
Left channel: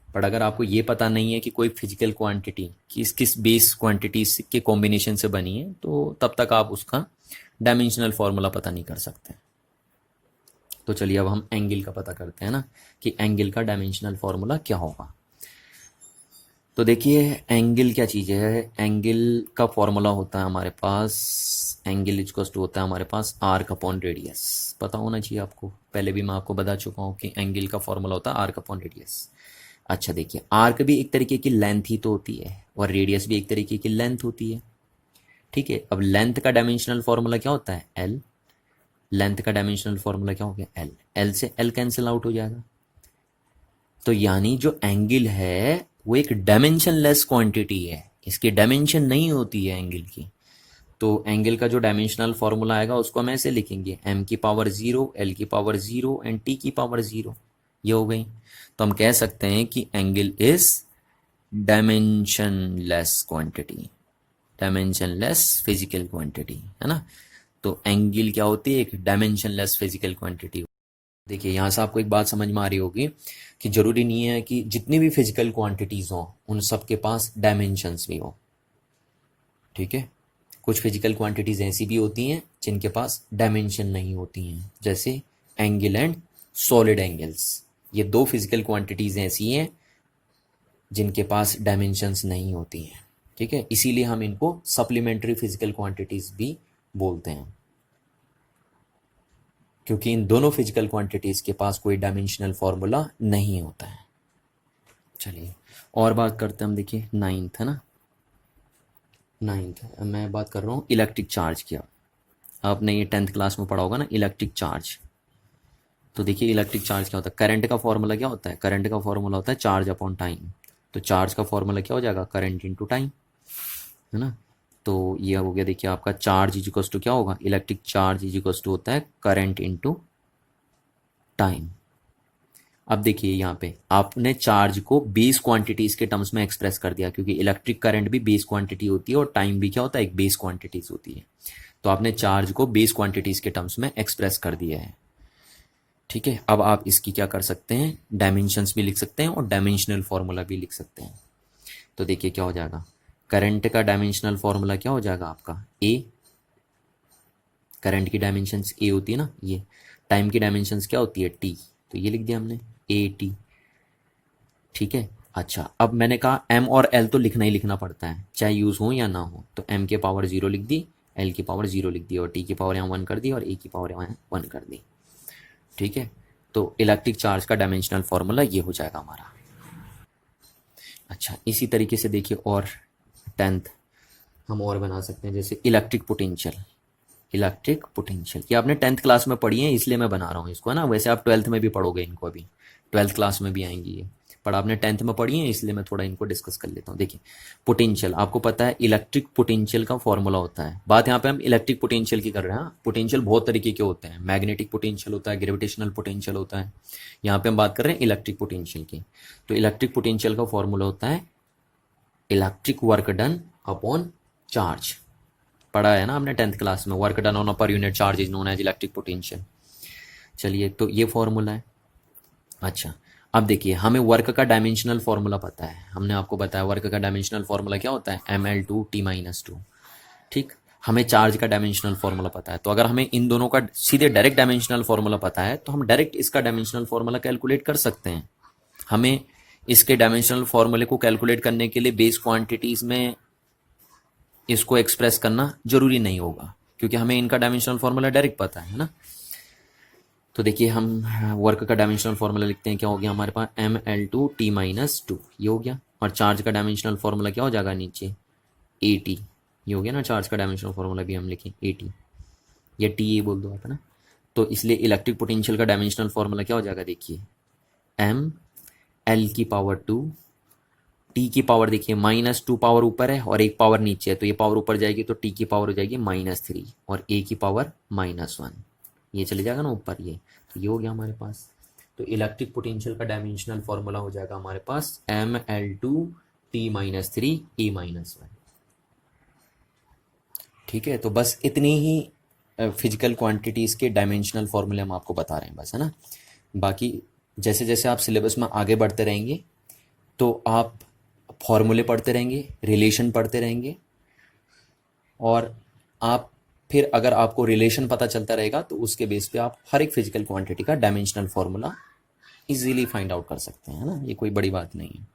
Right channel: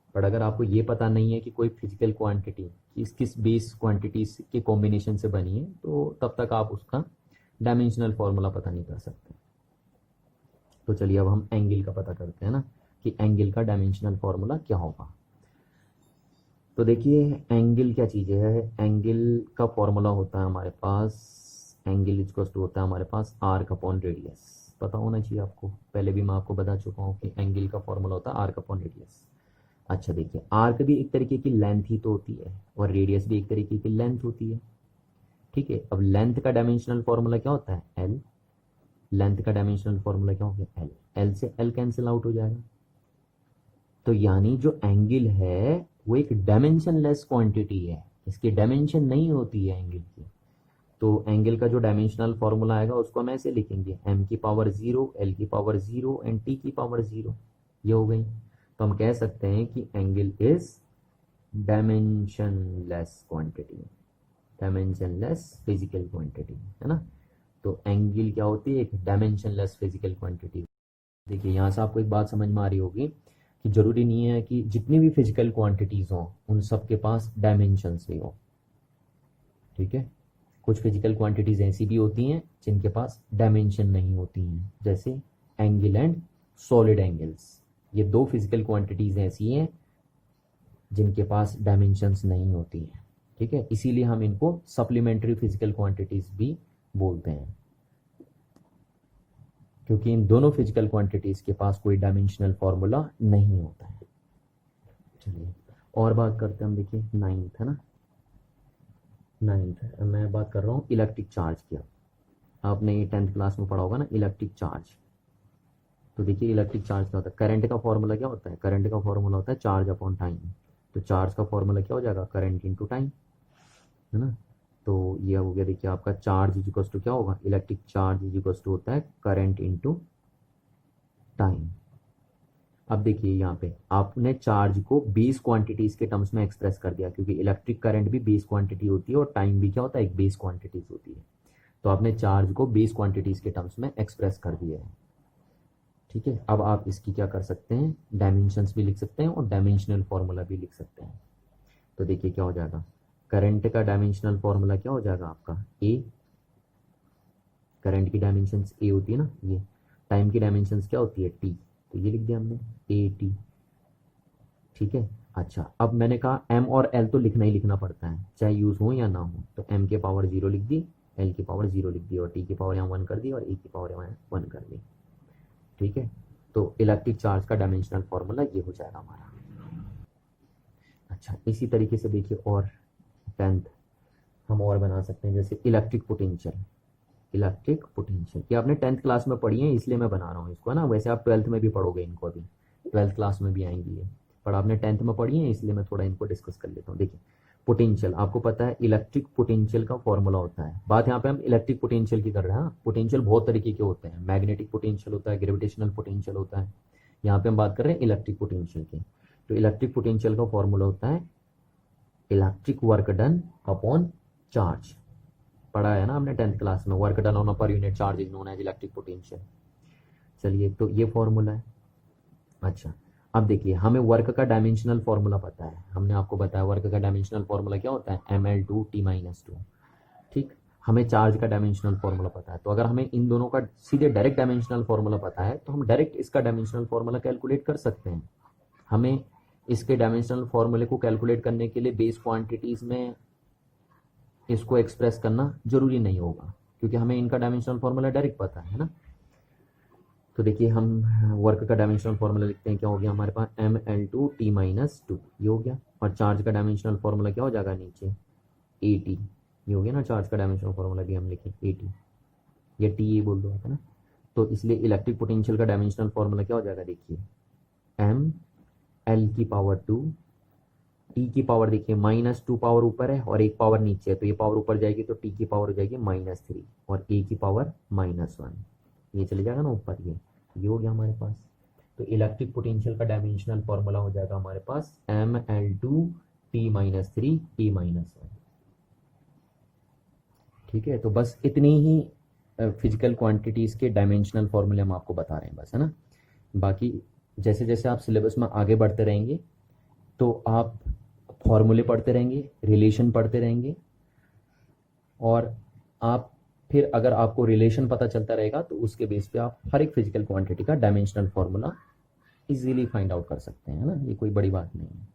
पर अगर आपको ये पता नहीं है कि कोई फिजिकल क्वांटिटी किस किस बेस क्वांटिटीज के कॉम्बिनेशन से बनी है, तो तब तक आप उसका डायमेंशनल फॉर्मूला पता नहीं कर सकते। तो चलिए अब हम एंगल का पता करते हैं ना, कि एंगल का डायमेंशनल फॉर्मूला क्या होगा। तो देखिए एंगल क्या चीज़ है, एंगल का फॉर्मूला होता है हमारे पास, एंगल इक्वल्स टू होता है हमारे पास आर्क अपॉन रेडियस। पता होना चाहिए आपको, पहले भी मैं आपको बता चुका हूँ कि एंगल का फॉर्मूला होता है आर्क अपॉन रेडियस। अच्छा देखिए, आर्क भी एक तरीके की लेंथ ही तो होती है, और रेडियस भी एक तरीके की लेंथ होती है। ठीक है, अब लेंथ का डायमेंशनल फॉर्मूला क्या होता है, एल। लेंथ का डायमेंशनल फॉर्मूला क्या हो गया, एल। एल से एल कैंसिल आउट हो जाएगा। तो यानी जो एंगल है वो एक डायमेंशनलेस क्वांटिटी है, इसकी डायमेंशन नहीं होती है एंगल की। तो एंगल का जो डायमेंशनल फॉर्मूला आएगा उसको हम ऐसे लिखेंगे, m की पावर 0, l की पावर 0 एंड t की पावर 0। ये हो गई। तो हम कह सकते हैं कि angle is dimensionless quantity, dimensionless physical quantity, है ना। तो एंगल क्या होती है, एक डायमेंशनलेस फिजिकल क्वांटिटी। देखिए यहाँ से आपको एक बात समझ में आ रही होगी कि जरूरी नहीं है कि जितनी भी फिजिकल क्वांटिटीज हो उन सब के पास डायमेंशंस भी हो। ठीक है, कुछ फिजिकल क्वांटिटीज ऐसी भी होती हैं जिनके पास डायमेंशन नहीं होती हैं, जैसे एंगल एंड सॉलिड एंगल्स। ये दो फिजिकल क्वांटिटीज ऐसी हैं जिनके पास डायमेंशंस नहीं होती हैं। ठीक है, इसीलिए हम इनको सप्लीमेंट्री फिजिकल क्वांटिटीज भी बोलते हैं, क्योंकि इन दोनों फिजिकल क्वांटिटीज के पास कोई डायमेंशनल फॉर्मूला नहीं होता है। चलिए और बात करते हैं हम, देखिए नाइन्थ है ना, नाइन्थ मैं बात कर रहा हूँ इलेक्ट्रिक चार्ज की। आपने ये 10th क्लास में पढ़ा होगा ना, इलेक्ट्रिक चार्ज। तो देखिए इलेक्ट्रिक चार्ज क्या होता है, करंट का फॉर्मूला क्या होता है, करंट का फॉर्मूला होता है चार्ज अपॉन टाइम। तो चार्ज का फॉर्मूला क्या हो जाएगा, करंट इंटू टाइम, है ना। तो ये हो गया, देखिए आपका चार्ज इज इक्वल्स टू क्या होगा, electric charge is equals to होता है करंट इंटू टाइम। अब देखिए यहाँ पे आपने चार्ज को बेस क्वांटिटीज के टर्म्स में एक्सप्रेस कर दिया, क्योंकि इलेक्ट्रिक करंट भी बेस क्वांटिटी होती है और टाइम भी क्या होता है, एक बेस क्वांटिटीज होती है। तो आपने चार्ज को बेस क्वांटिटीज के टर्म्स में एक्सप्रेस कर दिया है। ठीक है, अब आप इसकी क्या कर सकते हैं, डायमेंशंस भी लिख सकते हैं और डायमेंशनल फॉर्मूला भी लिख सकते हैं। तो देखिए क्या हो जाएगा, करंट का डायमेंशनल फॉर्मूला क्या हो जाएगा आपका, ए। करंट की डायमेंशंस ए होती है ना ये। टाइम की डायमेंशंस क्या होती है, टी। तो ये लिख दिया हमने, ए टी। ठीक है, अच्छा अब मैंने कहा एम और एल तो लिखना ही लिखना पड़ता है, चाहे यूज हो या ना हो। तो एम के पावर 0 लिख दी, एल की पावर 0 लिख दी, और टी की पावर यहाँ 1 कर दी, और ए की पावर यहाँ 1 कर दी। ठीक है, तो इलेक्ट्रिक चार्ज का डायमेंशनल फॉर्मूला ये हो जाएगा हमारा। अच्छा इसी तरीके से देखिए और 10th हम और बना सकते हैं, जैसे इलेक्ट्रिक पोटेंशियल। इलेक्ट्रिक पोटेंशियल ये आपने 10th क्लास में पढ़ी है, इसलिए मैं बना रहा हूँ इसको, है ना। वैसे आप 12th में भी पढ़ोगे इनको, अभी 12th क्लास में भी आएंगी ये, पर आपने 10th में पढ़ी है इसलिए मैं थोड़ा इनको डिस्कस कर लेता हूँ। देखिए पोटेंशियल आपको पता है, इलेक्ट्रिक पोटेंशियल का फॉर्मूला होता है। बात यहाँ पे हम इलेक्ट्रिक पोटेंशियल की कर रहे हैं। पोटेंशियल बहुत तरीके के होते हैं, मैग्नेटिक पोटेंशियल होता है, ग्रेविटेशनल पोटेंशियल होता है। यहाँ पे हम बात कर रहे हैं इलेक्ट्रिक पोटेंशियल की। तो इलेक्ट्रिक पोटेंशियल का फॉर्मूला होता है electric work done upon charge. पढ़ा है ना हमने 10th क्लास में, work done on per unit charge is known as electric potential. चलिए तो ये फॉर्मूला है। अच्छा अब देखिए हमें वर्क का डायमेंशनल फॉर्मूला पता है, हमने आपको बताया वर्क का डायमेंशनल फॉर्मूला क्या होता है, ml2t-2। ठीक, हमें चार्ज का डायमेंशनल फॉर्मूला पता है। तो अगर हमें इन दोनों का सीधे डायरेक्ट डायमेंशनल फॉर्मूला पता है तो हम डायरेक्ट इसका डायमेंशनल फॉर्मूला कैलकुलेट कर सकते हैं। हमें इसके डायमेंशनल फॉर्मूले को कैलकुलेट करने के लिए बेस क्वांटिटीज में इसको एक्सप्रेस करना जरूरी नहीं होगा, क्योंकि हमें इनका डायमेंशनल फार्मूला डायरेक्ट पता है ना। तो देखिए हम वर्क का डायमेंशनल फार्मूला लिखते हैं, क्या हो गया हमारे पास ml2t-2, ये हो गया। और चार्ज का डायमेंशनल फार्मूला क्या हो जाएगा नीचे at, ये हो गया ना। चार्ज का डायमेंशनल फार्मूला भी हम लिखें at, या टी ए बोल दो आप, है ना। तो इसलिए इलेक्ट्रिक पोटेंशियल का डायमेंशनल फार्मूला क्या हो जाएगा, देखिए m(l)2, टी की पावर देखिए -2 पावर ऊपर है और 1 पावर नीचे है, तो ये पावर ऊपर जाएगी तो टी की पावर हो जाएगी -3 और ए की पावर -1, ये चले जाएगा ना ऊपर ये। तो ये हो गया हमारे पास। तो इलेक्ट्रिक पोटेंशियल का डायमेंशनल फार्मूला हो जाएगा हमारे पास ml2t-3 e-1। ठीक है, तो बस इतनी ही फिजिकल क्वांटिटीज़ के डायमेंशनल फार्मूले हम आपको बता रहे हैं बस, है ना। बाकी जैसे जैसे आप सिलेबस में आगे बढ़ते रहेंगे तो आप फॉर्मूले पढ़ते रहेंगे, रिलेशन पढ़ते रहेंगे, और आप फिर अगर आपको रिलेशन पता चलता रहेगा तो उसके बेस पे आप हर एक फिजिकल क्वांटिटी का dimensional formula easily find out कर सकते हैं, है ना। ये कोई बड़ी बात नहीं है।